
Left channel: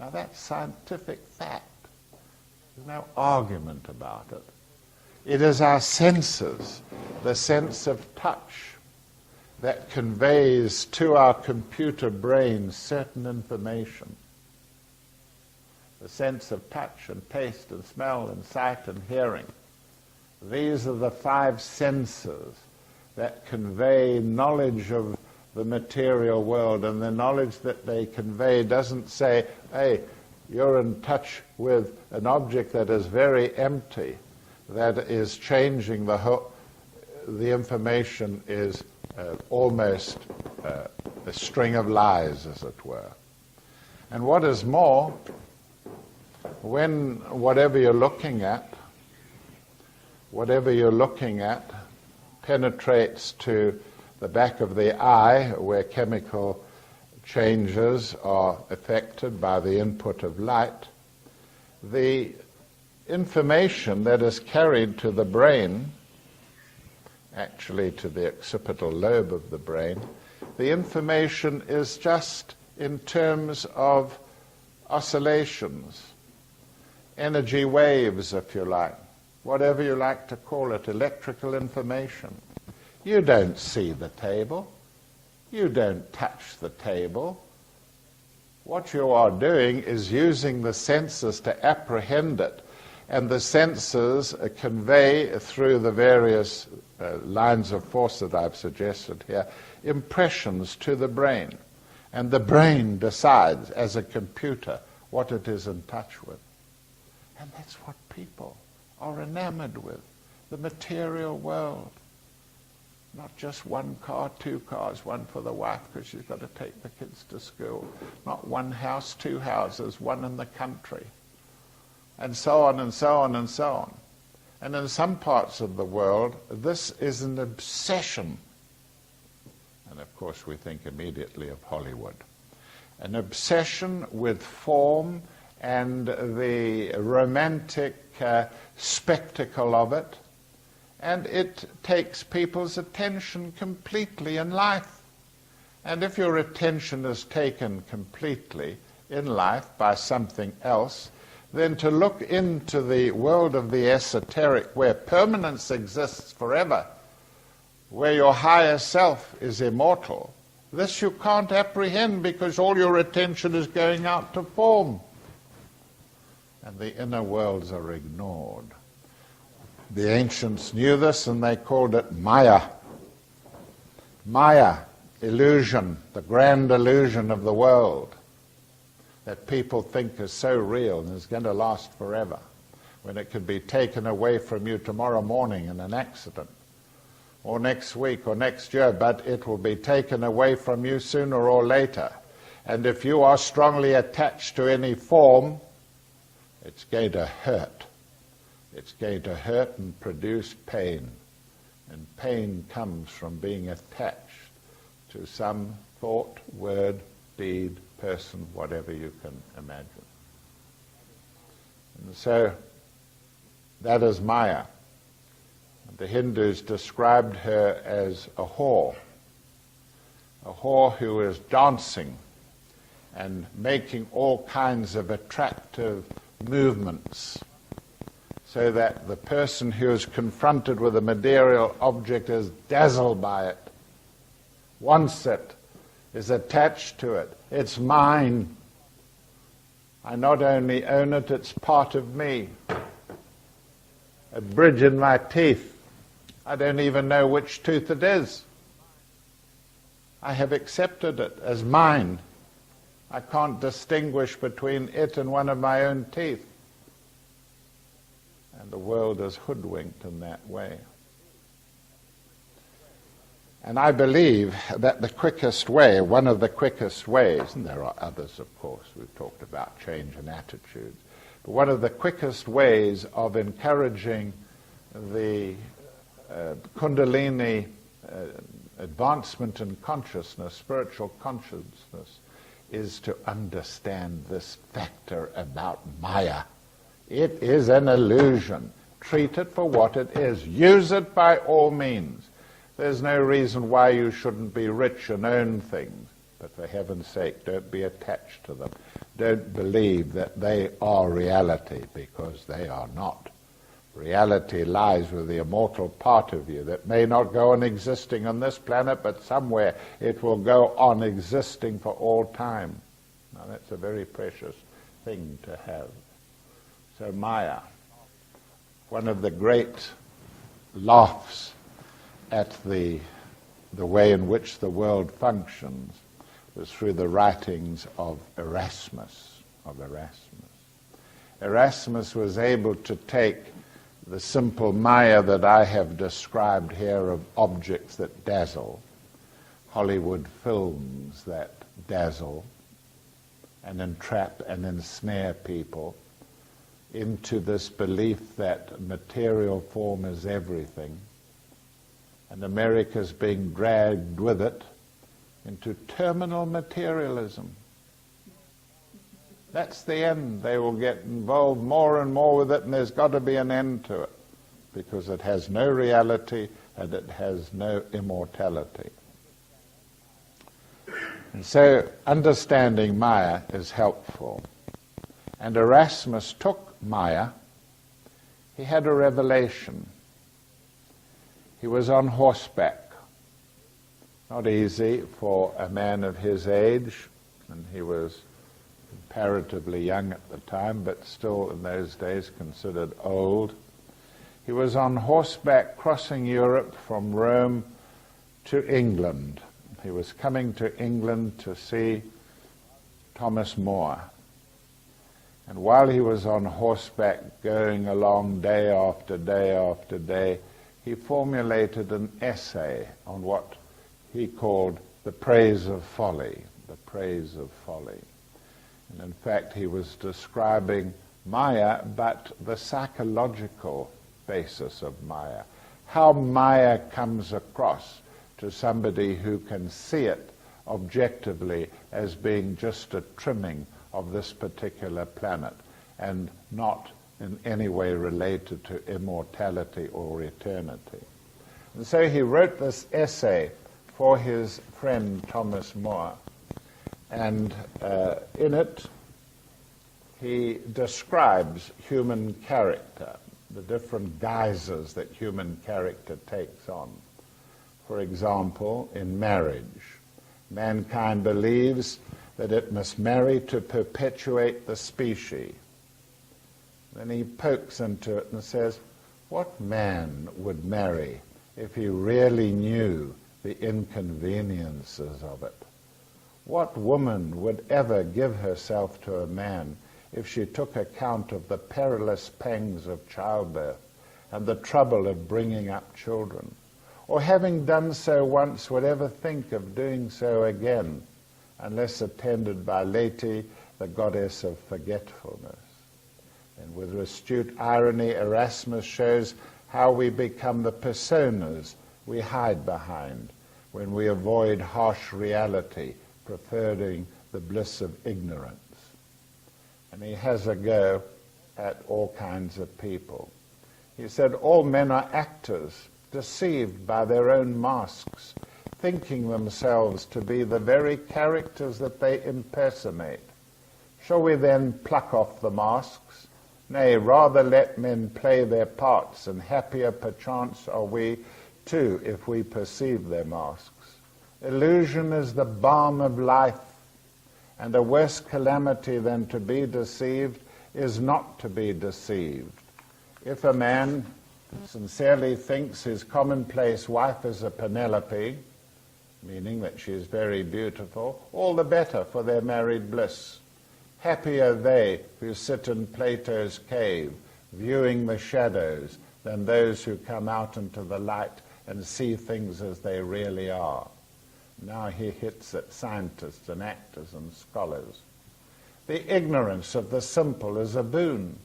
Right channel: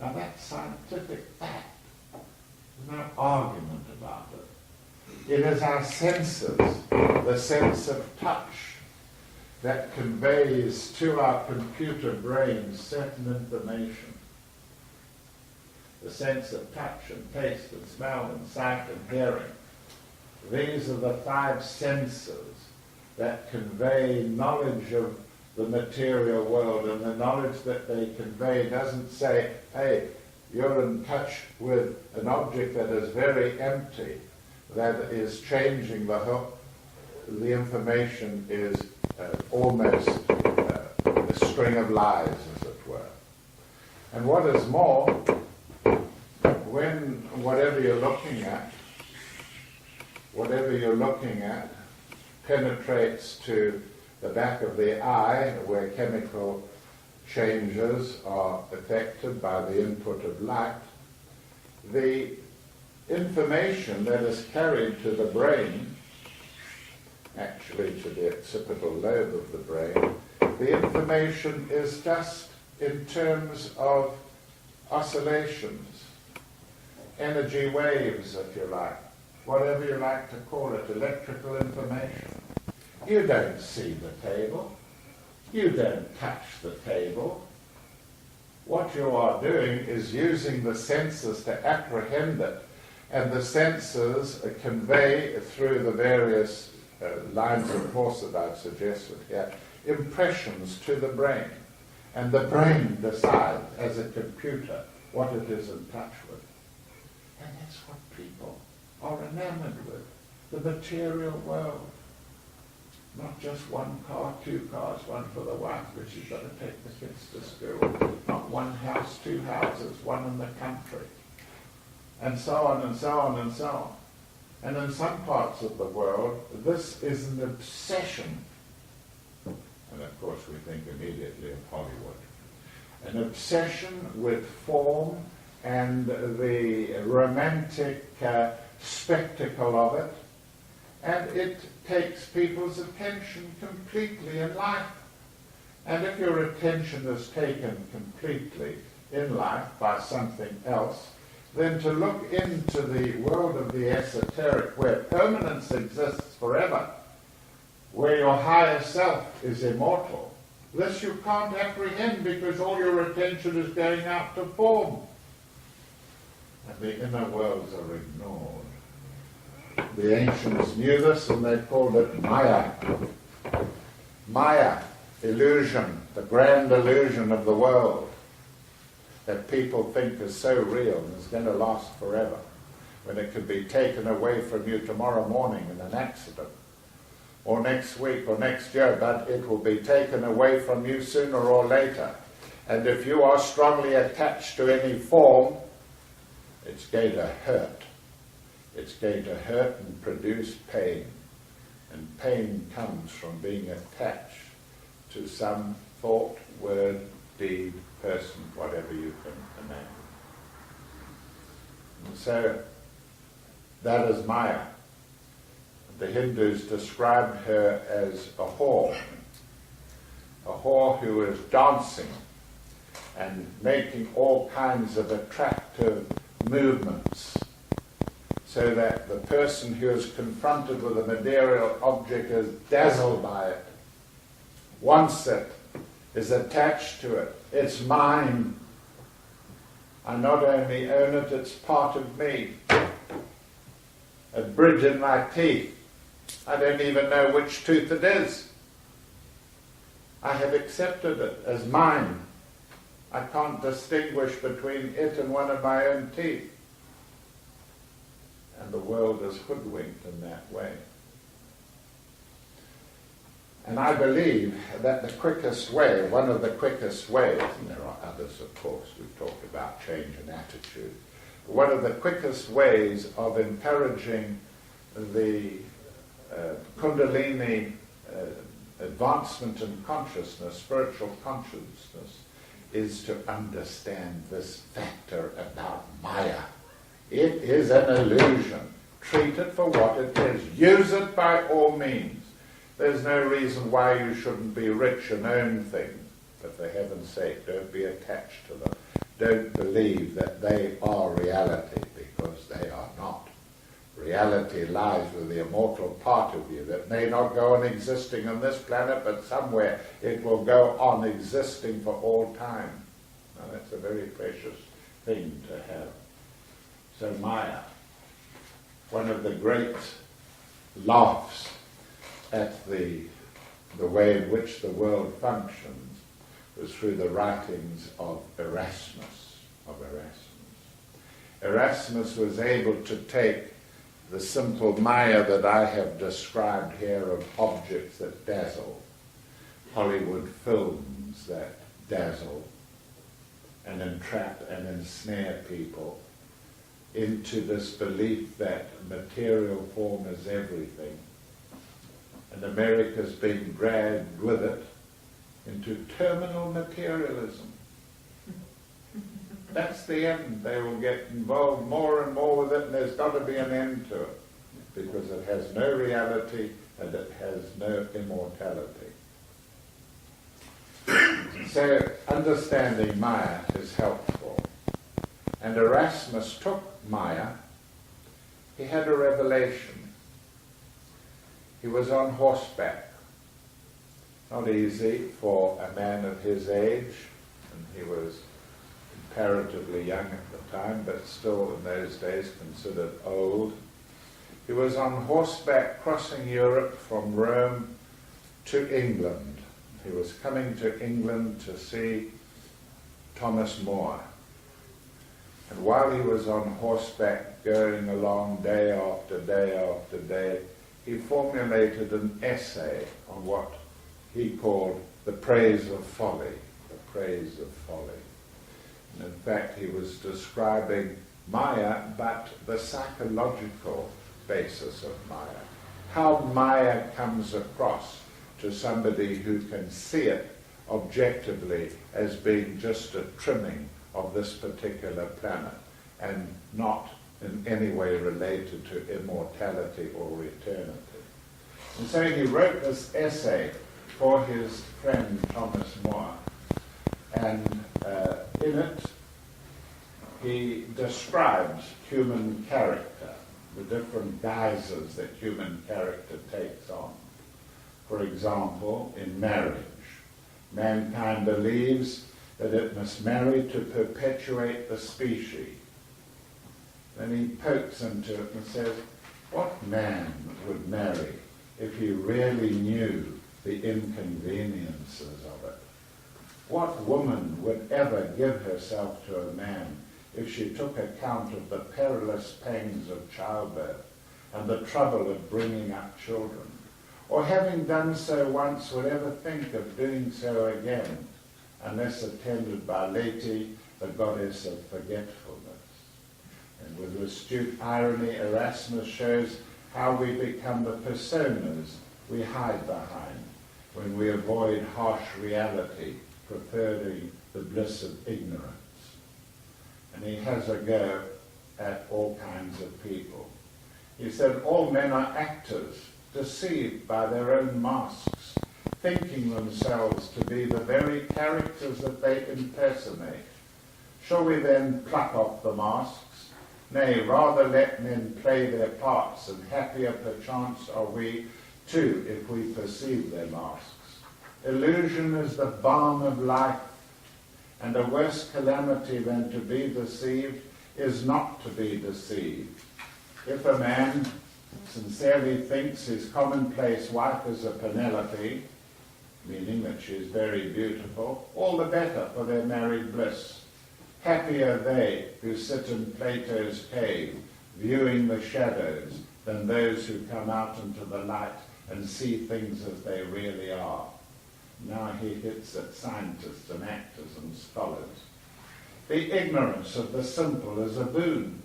Now that's scientific fact. There's no argument about it. It is our senses, the sense of touch, that conveys to our computer brain certain information. The sense of touch and taste and smell and sight and hearing. These are the five senses that convey knowledge of the material world, and the knowledge that they convey doesn't say, hey, You're in touch with an object that is very empty, that is changing the information is almost a string of lies, as it were. And what is more, when whatever you're looking at penetrates to the back of the eye, where chemical changes are affected by the input of light, the information that is carried to the brain, actually to the occipital lobe of the brain, the information is just in terms of oscillations, energy waves, if you like, whatever you like to call it, electrical information. You don't see the table. You don't touch the table. What you are doing is using the senses to apprehend it, and the senses convey through the various lines of force that I've suggested here, impressions to the brain. And the brain decides, as a computer, what it is in touch with. And that's what people are enamored with, the material world. Not just one car, two cars, one for the wife because she's got to take the kids to school. Not one house, two houses, one in the country. And so on and so on and so on. And in some parts of the world, this is an obsession. And of course we think immediately of Hollywood. An obsession with form and the romantic spectacle of it. And it takes people's attention completely in life. And if your attention is taken completely in life by something else, then to look into the world of the esoteric, where permanence exists forever, where your higher self is immortal, this you can't apprehend because all your attention is going out to form. And the inner worlds are ignored. The ancients knew this and they called it Maya. Maya, illusion, the grand illusion of the world that people think is so real and is going to last forever, when it could be taken away from you tomorrow morning in an accident, or next week or next year, but it will be taken away from you sooner or later. And if you are strongly attached to any form, it's going to hurt. It's going to hurt and produce pain. And pain comes from being attached to some thought, word, deed, person, whatever you can imagine. And so that is Maya. The Hindus described her as a whore who is dancing and making all kinds of attractive movements, so that the person who is confronted with a material object is dazzled by it, wants it, is attached to it. It's mine. I not only own it, it's part of me. A bridge in my teeth. I don't even know which tooth it is. I have accepted it as mine. I can't distinguish between it and one of my own teeth. And the world is hoodwinked in that way. And I believe that the quickest way, one of the quickest ways, and there are others of course, we've talked about change in attitude, but one of the quickest ways of encouraging the Kundalini advancement in consciousness, spiritual consciousness, is to understand this factor about Maya. It is an illusion. Treat it for what it is. Use it by all means. There's no reason why you shouldn't be rich and own things, but for heaven's sake, don't be attached to them. Don't believe that they are reality, because they are not. Reality lies with the immortal part of you that may not go on existing on this planet, but somewhere it will go on existing for all time. Now that's a very precious thing to have. So Maya, one of the great laughs at the way in which the world functions was through the writings of Erasmus. Erasmus was able to take the simple Maya that I have described here of objects that dazzle, Hollywood films that dazzle and entrap and ensnare people into this belief that material form is everything. And America's being dragged with it into terminal materialism. That's the end. They will get involved more and more with it, and there's got to be an end to it, because it has no reality and it has no immortality. And so understanding Maya is helpful. And Erasmus took Maya. He had a revelation. He was on horseback. Not easy for a man of his age, and he was comparatively young at the time, but still in those days considered old. He was on horseback crossing Europe from Rome to England. He was coming to England to see Thomas More. And while he was on horseback going along day after day after day, he formulated an essay on what he called the praise of folly, the praise of folly. And in fact, he was describing Maya, but the psychological basis of Maya. How Maya comes across to somebody who can see it objectively as being just a trimming of this particular planet and not in any way related to immortality or eternity. And so he wrote this essay for his friend Thomas More, and in it he describes human character, the different guises that human character takes on. For example, in marriage, mankind believes that it must marry to perpetuate the species. Then he pokes into it and says, what man would marry if he really knew the inconveniences of it? What woman would ever give herself to a man if she took account of the perilous pangs of childbirth and the trouble of bringing up children? Or having done so once, would ever think of doing so again, unless attended by Leti, the goddess of forgetfulness? And with astute irony, Erasmus shows how we become the personas we hide behind when we avoid harsh reality, preferring the bliss of ignorance. And he has a go at all kinds of people. He said, all men are actors, deceived by their own masks, thinking themselves to be the very characters that they impersonate. Shall we then pluck off the masks? Nay, rather let men play their parts, and happier perchance are we too if we perceive their masks. Illusion is the balm of life, and a worse calamity than to be deceived is not to be deceived. If a man sincerely thinks his commonplace wife is a Penelope, meaning that she is very beautiful, all the better for their married bliss. Happy are they who sit in Plato's cave, viewing the shadows, than those who come out into the light and see things as they really are. Now he hits at scientists and actors and scholars. The ignorance of the simple is a boon.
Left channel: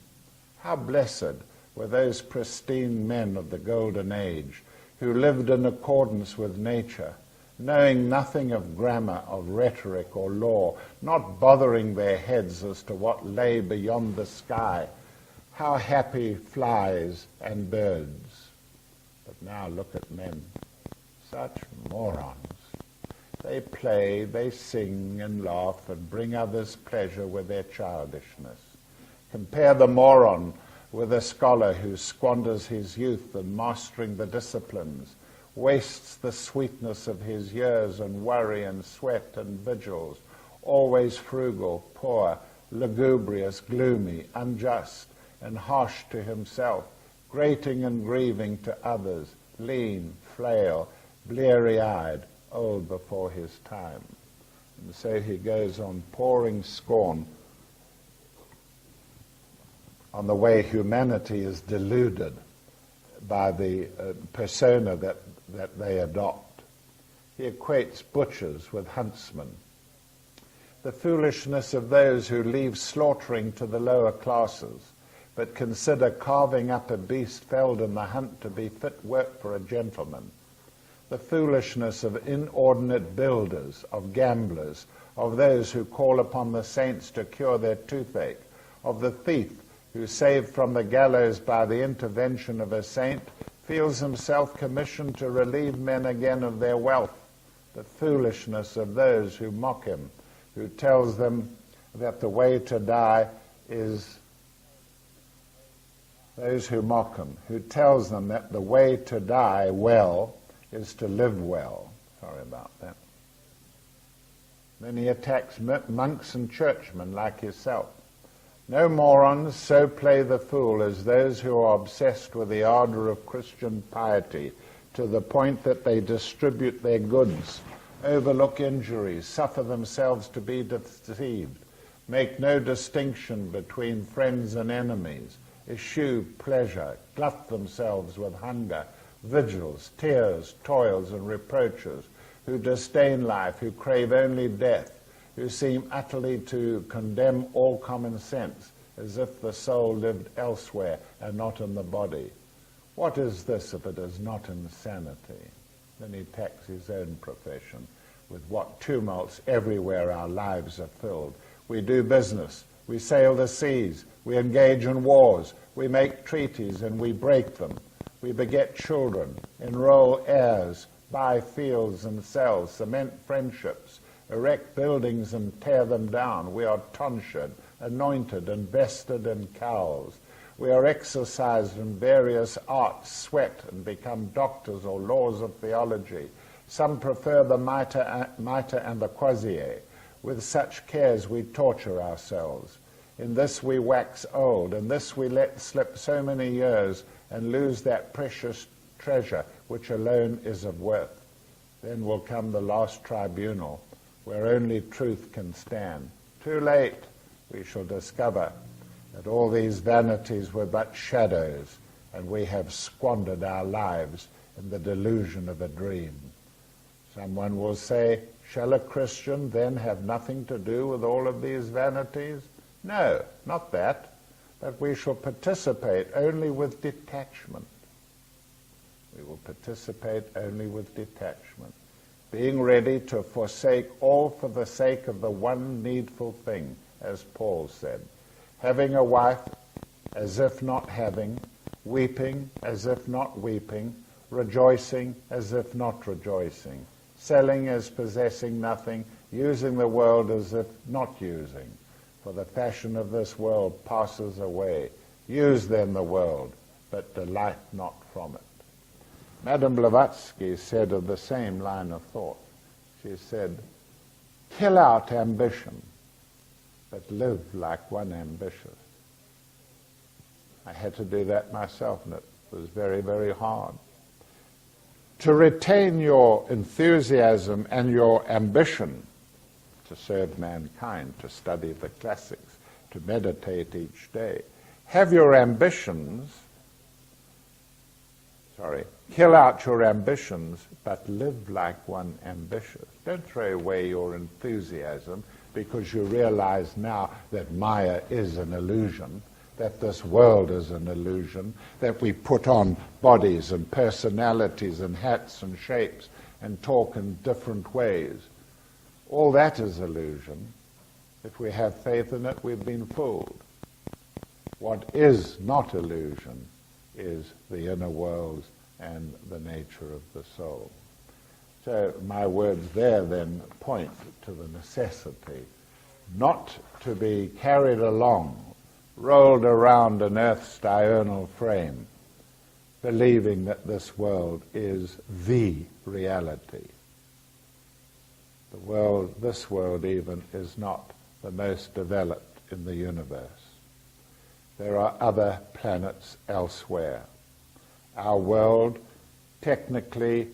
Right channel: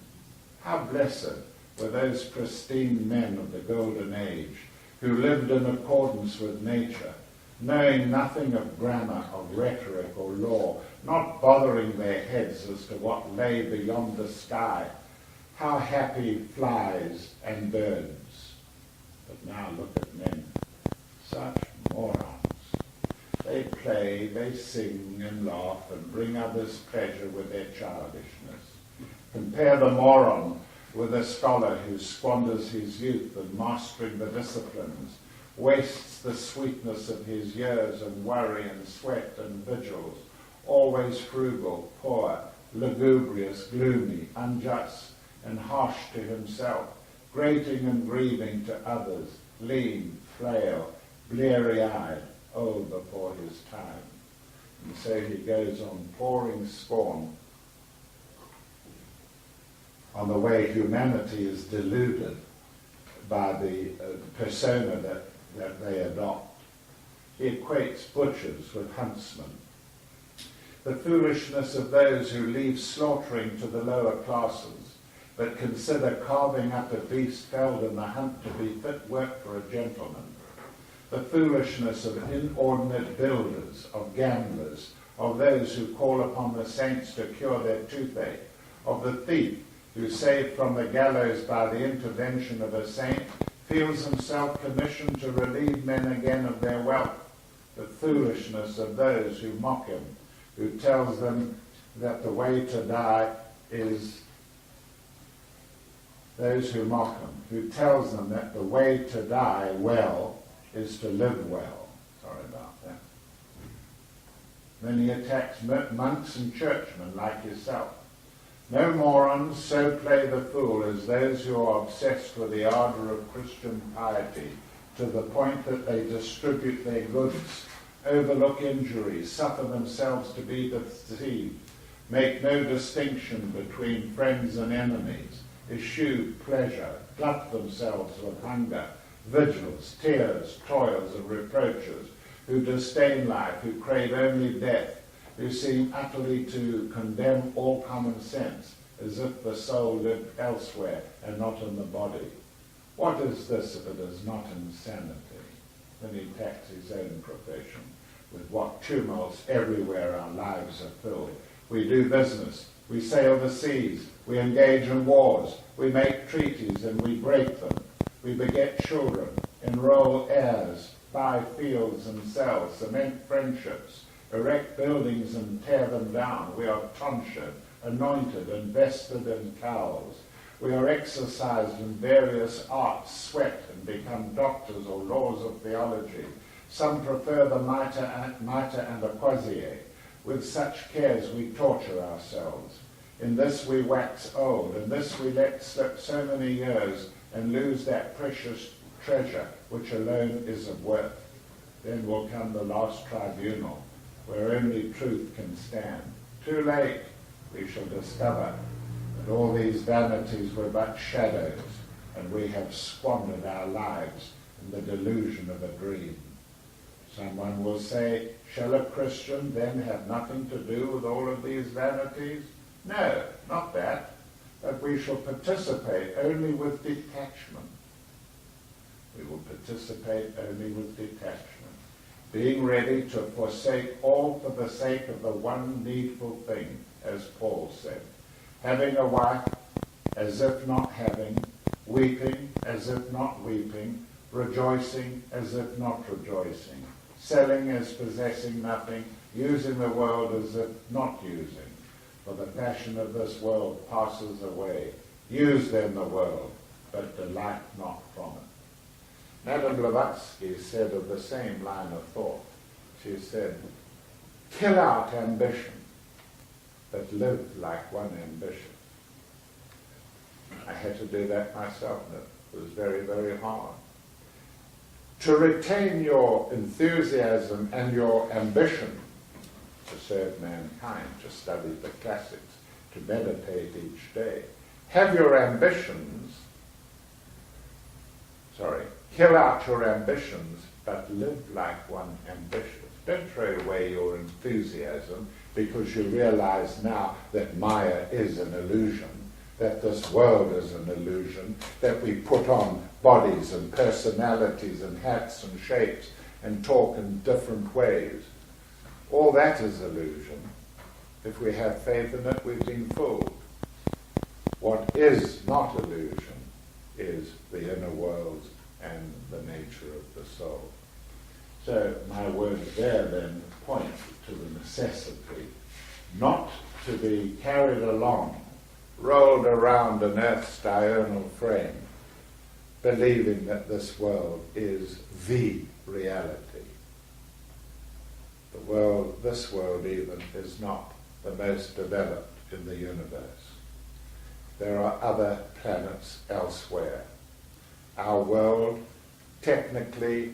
How blessed were those pristine men of the Golden Age who lived in accordance with nature, knowing nothing of grammar, of rhetoric or law, not bothering their heads as to what lay beyond the sky. How happy flies and birds. But now look at men, such morons. They play, they sing and laugh and bring others pleasure with their childishness. Compare the moron with a scholar who squanders his youth in mastering the disciplines, wastes the sweetness of his years in worry and sweat and vigils, always frugal, poor, lugubrious, gloomy, unjust, and harsh to himself, grating and grieving to others, lean, frail, bleary-eyed, old before his time. And so he goes on pouring scorn on the way humanity is deluded by the persona that they adopt. He equates butchers with huntsmen. The foolishness of those who leave slaughtering to the lower classes, but consider carving up a beast felled in the hunt to be fit work for a gentleman. The foolishness of inordinate builders, of gamblers, of those who call upon the saints to cure their toothache, of the thief who, saved from the gallows by the intervention of a saint, feels himself commissioned to relieve men again of their wealth. The foolishness of those who mock him, who tells them that the way to die is those who mock him, who tells them that the way to die well is to live well. Sorry about that. Then he attacks monks and churchmen like yourself. No morons so play the fool as those who are obsessed with the ardour of Christian piety, to the point that they distribute their goods, overlook injuries, suffer themselves to be deceived, make no distinction between friends and enemies, eschew pleasure, glut themselves with hunger, vigils, tears, toils, and reproaches, who disdain life, who crave only death, who seem utterly to condemn all common sense, as if the soul lived elsewhere and not in the body. What is this if it is not insanity? Then he attacks his own profession, with what tumults everywhere our lives are filled. We do business, we sail the seas, we engage in wars, we make treaties and we break them. We beget children, enroll heirs, buy fields and sell, cement friendships, erect buildings and tear them down. We are tonsured, anointed, and vested in cowls. We are exercised in various arts, sweat, and become doctors or laws of theology. Some prefer the mitre and the crozier. With such cares we torture ourselves. In this we wax old, in this we let slip so many years and lose that precious treasure which alone is of worth. Then will come the last tribunal, where only truth can stand. Too late, we shall discover that all these vanities were but shadows, and we have squandered our lives in the delusion of a dream. Someone will say, shall a Christian then have nothing to do with all of these vanities? No, not that, but we shall participate only with detachment. We will participate only with detachment, being ready to forsake all for the sake of the one needful thing, as Paul said, having a wife as if not having, weeping as if not weeping, rejoicing as if not rejoicing, selling as possessing nothing, using the world as if not using. For the fashion of this world passes away. Use then the world, but delight not from it. Madame Blavatsky said of the same line of thought, she said, kill out ambition, but live like one ambitious. I had to do that myself, and it was very, very hard. To retain your enthusiasm and your ambition to serve mankind, to study the classics, to meditate each day. Have your ambitions, kill out your ambitions, but live like one ambitious. Don't throw away your enthusiasm because you realize now that Maya is an illusion, that this world is an illusion, that we put on bodies and personalities and hats and shapes and talk in different ways. All that is illusion. If we have faith in it, we've been fooled. What is not illusion is the inner world and the nature of the soul. So my words there then point to the necessity not to be carried along, rolled around an earth's diurnal frame, believing that this world is the reality. This world even, is not the most developed in the universe. There are other planets elsewhere. Our world technically